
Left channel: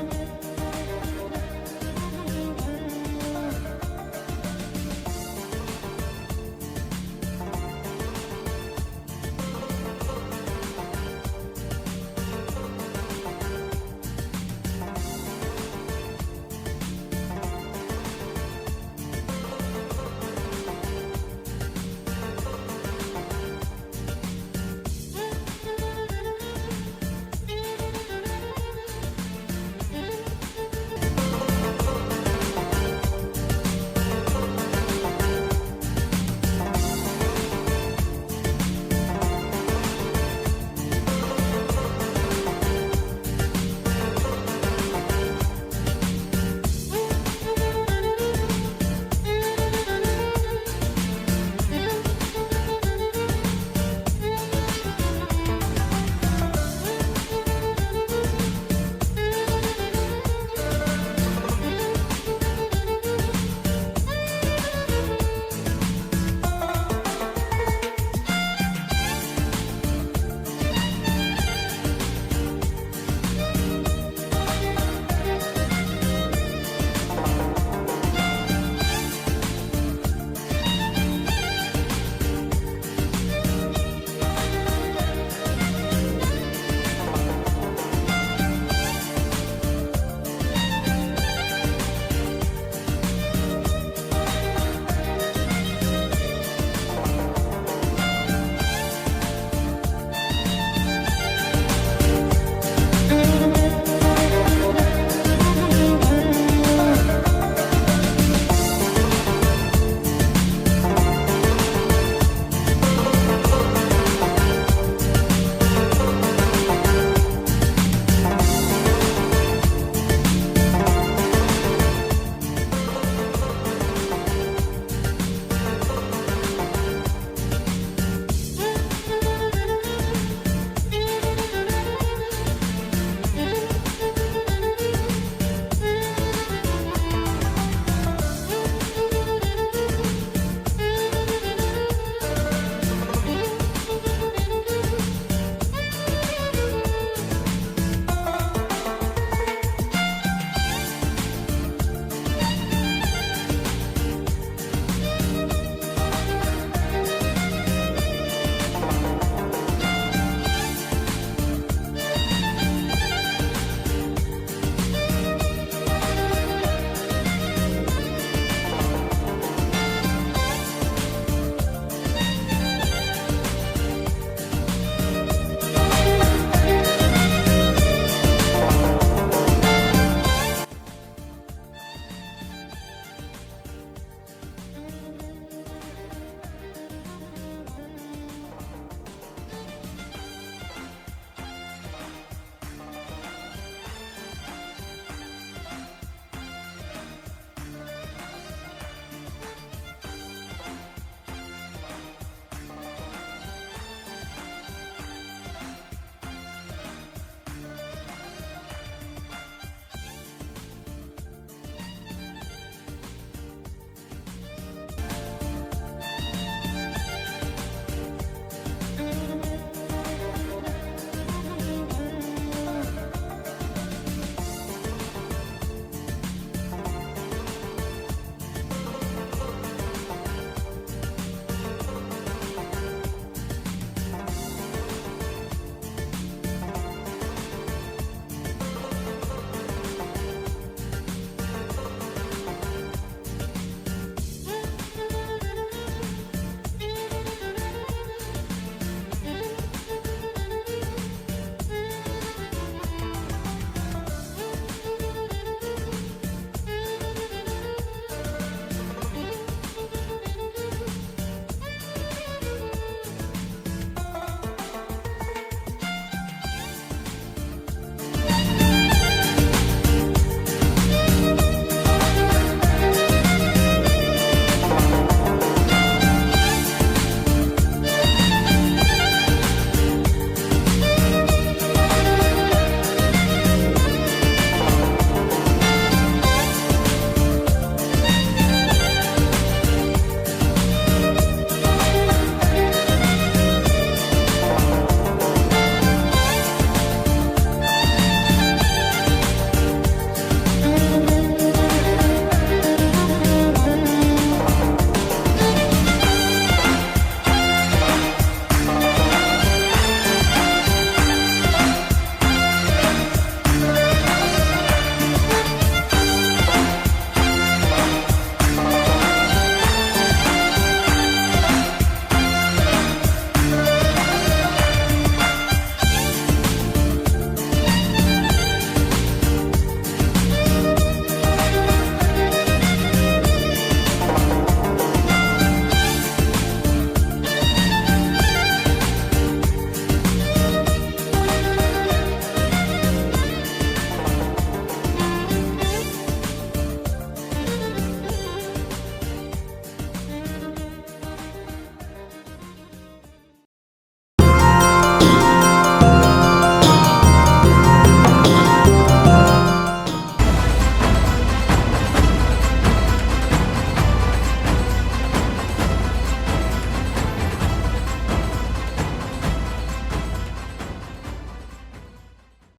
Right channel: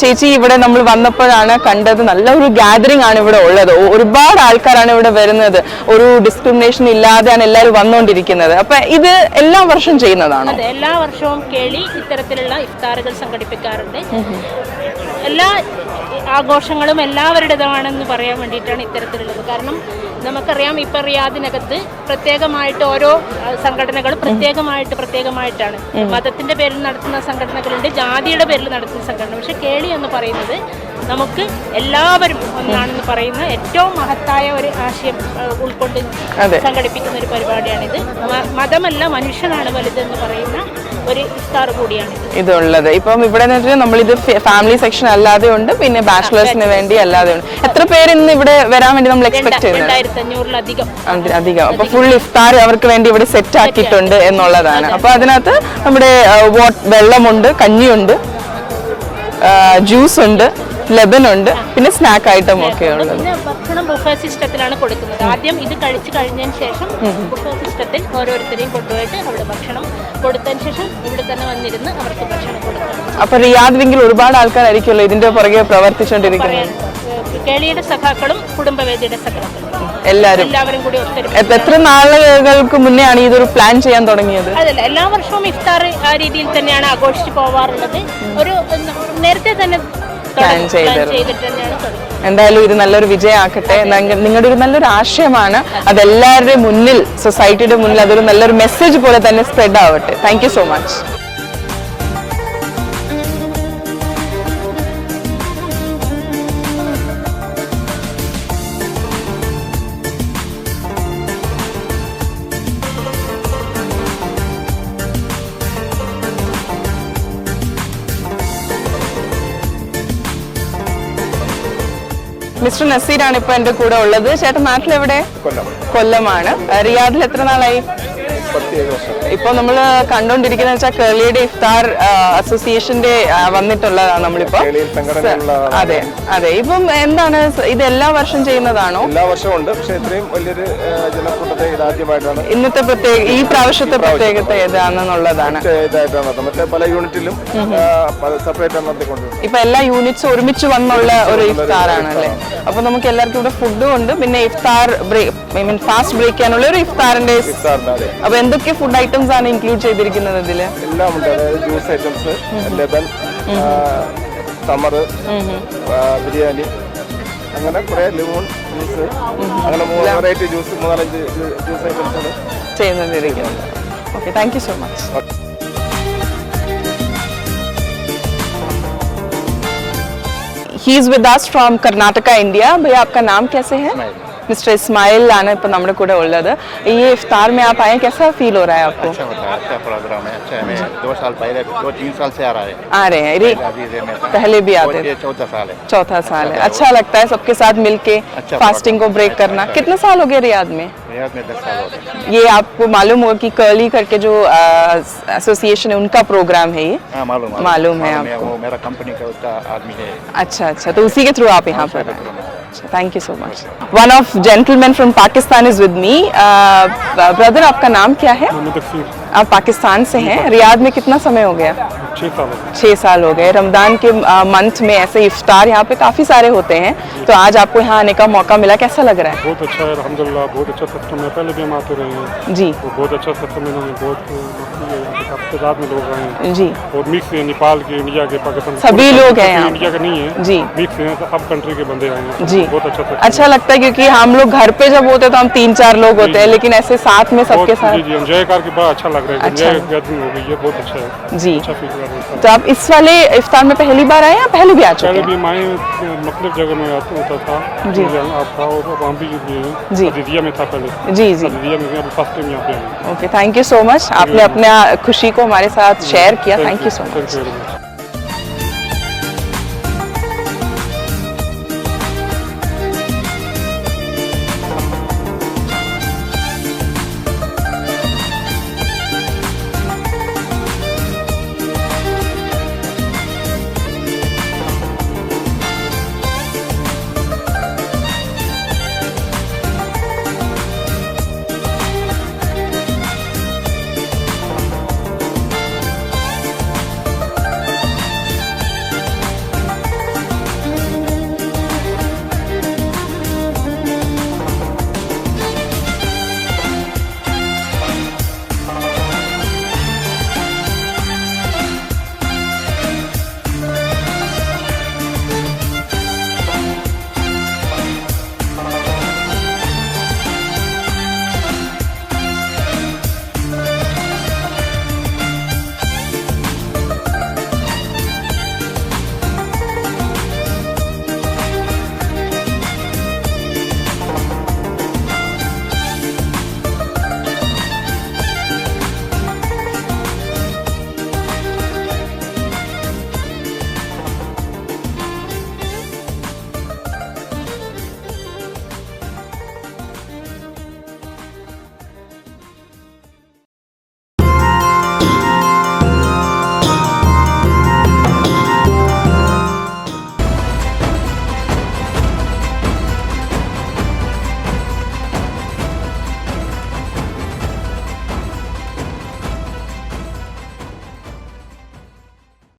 ചേച്ചി ഇവിടെ നമ്മൾ വന്നപ്പോഴാണ് കണ്ടത് നല്ലൊരു ഗാദറിംഗ് ആണ് ഇവിടെ ഉള്ളത്. ഒരുപാട് ആൾക്കാരാണ് ഇവിടെ വരുന്നത്. ഒരു ഡിസ്ക്രിമിനേഷൻ ഇല്ലാതെയാണ് എല്ലാവരും വന്നുകൊണ്ടിരിക്കുന്നത്. അപ്പൊ ഇത് എല്ലാ വർഷവും ചെയ്യുന്നതാണോ? അതെ, എല്ലാ വർഷവും കേളി ഇത്തരത്തിലുള്ള ഇഫ്താറുകൾ സംഘടിപ്പിക്കാറുണ്ട്. എല്ലാ ആഘോഷങ്ങളും എല്ലാവരുടേതാണെന്ന് പറയാൻ വേണ്ടിയിട്ടാണ് ഇത്തരത്തിലുള്ളത്. കാരണം നമുക്കറിയാം ഇപ്പൊ റിയാദിനകത്ത് പ്രത്യേകമായിട്ട് ഓരോ സംഘടനകളും പ്രത്യേകമായിട്ടാണ്. മതത്തിന്റെ പേരിൽ നടത്തുന്ന സംഘടനകളുണ്ട്, ജാതിയുടെ പേരിൽ നടത്തുന്ന സംഘടന. പക്ഷെ കേളി എന്ന് പറയുന്നത് നമുക്ക് എല്ലാവരും ഒന്നാണെന്ന് പറയുന്ന ഏറ്റവും മഹത്തായ ഒരു ആശയം ഉൾക്കൊണ്ട് സംഘടിപ്പിക്കുന്ന ഒരു പരിപാടിയാണിത്. മതമല്ല, മനുഷ്യനാണ് വലുതെന്ന് പറയുന്ന ഒരു ഇഫ്താർ കൂടിയാണ് ഇതുള്ളത്. ഇപ്പം ഇവിടെ നമ്മളിത് ഫാമിലി സെക്ഷൻ അല്ലാതെ ഉണ്ട്, പിന്നെ ബാച്ചിലേഴ്സിന് വേണ്ടി അല്ലാതെ ഉണ്ട്. എത്ര പേര് ഇന്ന് ഇവിടെ വരാൻ വേണ്ടി നമ്മൾ എക്സ്പെക്ട് ചെയ്യുന്നത്? 2500-ലധികം. അപ്പൊ ഫുൾ ഇഫ്താർ അവർക്ക് വേണ്ടി ഇവിടെ സെറ്റ് ആക്കിയിട്ടുണ്ട് എന്നുള്ളതാണ്. അപ്പൊ അതിനകത്ത് നമ്മുടെ വെള്ളമുണ്ട്, കഞ്ഞിയുണ്ട്, ജ്യൂസ് ഉണ്ട്, ലെബൻ ഉണ്ട്, പിന്നെ സ്നാക്ക് ഐറ്റം ഒക്കെ ഉള്ളത്. ഭക്ഷണം ബുഫേ സിസ്റ്റത്തിലാണ് കൊടുക്കുന്നത്. ആദ്യം ഇത് കഴിച്ചു കഴിഞ്ഞതിന് ശേഷം ബുഫേ സിസ്റ്റത്തിൽ ഓരോരുത്തരെയും കൊണ്ടുപോയിട്ട് അവിടെ ഭക്ഷണം കൊടുത്തതിന് ശേഷം ഇവിടെ തന്നെ വന്നിരുന്ന് അവർക്ക് ഭക്ഷണം കൊടുക്കണം. അപ്പൊ റിയാദിലെങ്കിൽ ഒരുപാട് ആൾക്കാരായിരിക്കുമല്ലോ ഇതിന്റെ പുറകെ പ്രവർത്തിച്ചുകൊണ്ടിരിക്കുന്നത്. കേളിയുടെ സഖാക്കളും കുടുംബവേദിയുടെ സഖാക്കളും എല്ലാവരും കൂടി ഒത്തൊരുമിച്ച്. എത്ര നാളുകൾക്ക് മുന്നേ ആണ് ഇതൊരു പ്ലാൻ ചെയ്യാൻ തുടങ്ങിയത്? അതല്ല, എല്ലാ വർഷവും ഇഫ്താർ ആ രീതിയിൽ തന്നെയാണ് ആഘോഷിച്ച് പോവാറുള്ളത്. ഒരു നേരത്തെ തന്നെ പ്ലാൻ ചെയ്തിട്ട് തന്നെയാണ്. എന്തായാലും ഇത് നല്ലൊരു വിജയമാക്കട്ടെ. നിങ്ങളുടെ ഒരു നല്ലൊരു ആശയമാണ്. അതെല്ലാവരുടെ മുന്നിൽ, സൊസൈറ്റിയുടെ മുന്നിൽ അതൊരു നല്ലൊരു മെസ്സേജ് പോലെ തന്നെ സ്പ്രെഡ് ആവട്ടെ. Thank you so much. Mister നസീറാണ് ഇപ്പൊ എന്റെ കൂടെ ഉള്ളത്. ചേട്ടൻ നാട്ടിലെവിടെ? കൊല്ലമാണ്. റിയാദിൽ എത്ര നാളായി? ഇപ്പൊ നമ്മൾ കണ്ടോണ്ടിരിക്കുന്ന വെച്ചാൽ കേളിയുടെ ഇഫ്താർ അസോസിയേഷന്റെ വന്നിട്ടുള്ളതാണ് നമ്മളിപ്പോ. അതെ അതെ. ഇപ്പം എന്താണ് ഇത് എല്ലാ വർഷം ചെയ്യുന്നതാണോ? എല്ലാ വർഷവും ഉണ്ട്, പക്ഷേ ഇത്രയും വലിയൊരു ജനക്കൂട്ടത്തെ ഇതാദ്യമായിട്ടാണ്. ഇന്നത്തെ ഈ പ്രാവശ്യത്തെ പ്രത്യേകത ഏതാണെന്നുള്ളതാണ്. മറ്റേ പല യൂണിറ്റിലും സെപ്പറേറ്റ് നടത്തിക്കൊണ്ട് ഇപ്പൊ എല്ലാ യൂണിറ്റ്സും ഒരുമിച്ച് വന്നുള്ള ഒരു ഇഫ്താറാണ് അല്ലേ? അപ്പൊ നമുക്ക് എല്ലാവർക്കും ഇവിടെ ഫുഡും ഉണ്ട്, പിന്നെ ഇഫ്താർ ഫാസ്റ്റ് ബ്രേക്ക് ചെയ്യാനുള്ള ഒരു ഇഫ്താറിന്റെ. അപ്പൊ എന്തൊക്കെ ഫുഡ് ഐറ്റംസ് ആണ് ഇൻക്ലൂഡ് ചെയ്തിരിക്കുന്നത് ഇതില്? എല്ലാം ഉണ്ട്. അതായത് ജ്യൂസ് ഐറ്റംസ്, ലെബൻ, സമർ, ബിരിയാണി, അങ്ങനെ കുറെ ലിമോൺ, അങ്ങനെ 3 വെറൈറ്റി ജ്യൂസ്, 4-5 ജ്യൂസ് ഐറ്റംസ് ചെയ്യുന്നിരിക്കുന്നത്. Okay, thank you so much. He is with us from Karnataka, India. भैया आपका नाम कैसे है? मिस्टर इस्माइल आना इप्पो നമ്മുടെ കൂടെ ഉള്ളത്. ये इफ्तार में आप आए, कैसा फील हो रहा है आपको? अच्छा होता है, अच्छा प्रोग्राम है, अच्छा है। 2 साल पहले 2-3 साल से आ रहा है। आ रहे हैं पहले भी आते थे? 4 साल है। 4था साल है। अच्छा लगता है सबके साथ मिलके फास्टिंग को ब्रेक करना। कितने साल हो गए रियाद में? रियाद में 10 साल हो गए। ये आपको मालूम होगा कि कर्ली करके जो एसोसिएशन है उनका प्रोग्राम है ये? हाँ, मालूम है आपको? वो मेरा कंपनी का उसका आदमी है। अच्छा अच्छा, तो उसी के थ्रू आप यहाँ पर आए। Thank you so much. One of gentleman from Pakistan is with me. Brother, आपका नाम क्या है? आप पाकिस्तान से हैं. रियाद में कितना समय हो गया? 6 साल हो गए. रमजान के मंथ में ऐसे इफ्तार यहाँ पे काफ़ी सारे होते हैं, तो आज आपको यहाँ आने का मौका मिला, कैसा लग रहा है? बहुत अच्छा है, अल्हम्दुलिल्लाह. बहुत अच्छा सिस्टम है. पहले भी हम आते रहे हैं जी. तो बहुत अच्छा सिस्टम है. बहुत तादाद में लोग आए हैं जी. और मिक्स है, नेपाल के, इंडिया के, पाकिस्तान सभी लोग हैं यहाँ. इंडिया का नहीं है जी. मिक्स है, सब कंट्री के बंदे आए हैं. जी. बहुत अच्छा system अच्छा लगता है, क्योंकि हम लोग घर पे जब होते हैं तो हम 3-4 लोग होते हैं, लेकिन ऐसे साथ में सबके साथ. जी, एंजॉय करके बड़ा अच्छा लग रहा है. अच्छा. एंजॉय गैदरिंग हो गई है, बहुत अच्छा है. जी. अच्छा फील कर रहा है. तो आप इस वाले इफ्तार में पहली बार आए या पहले भी आ चुके पहले हैं? भी मैं मुख्तलिफ जगह में होता था. जी. आप था और वहाँ भी जी. अदीदिया में था पहले. जी जी. अदीदिया में फर्स्ट टाइम यहाँ पे आए. Okay, thank you so much. आपने अपना खुशी को हमारे साथ शेयर किया. Thank you so much.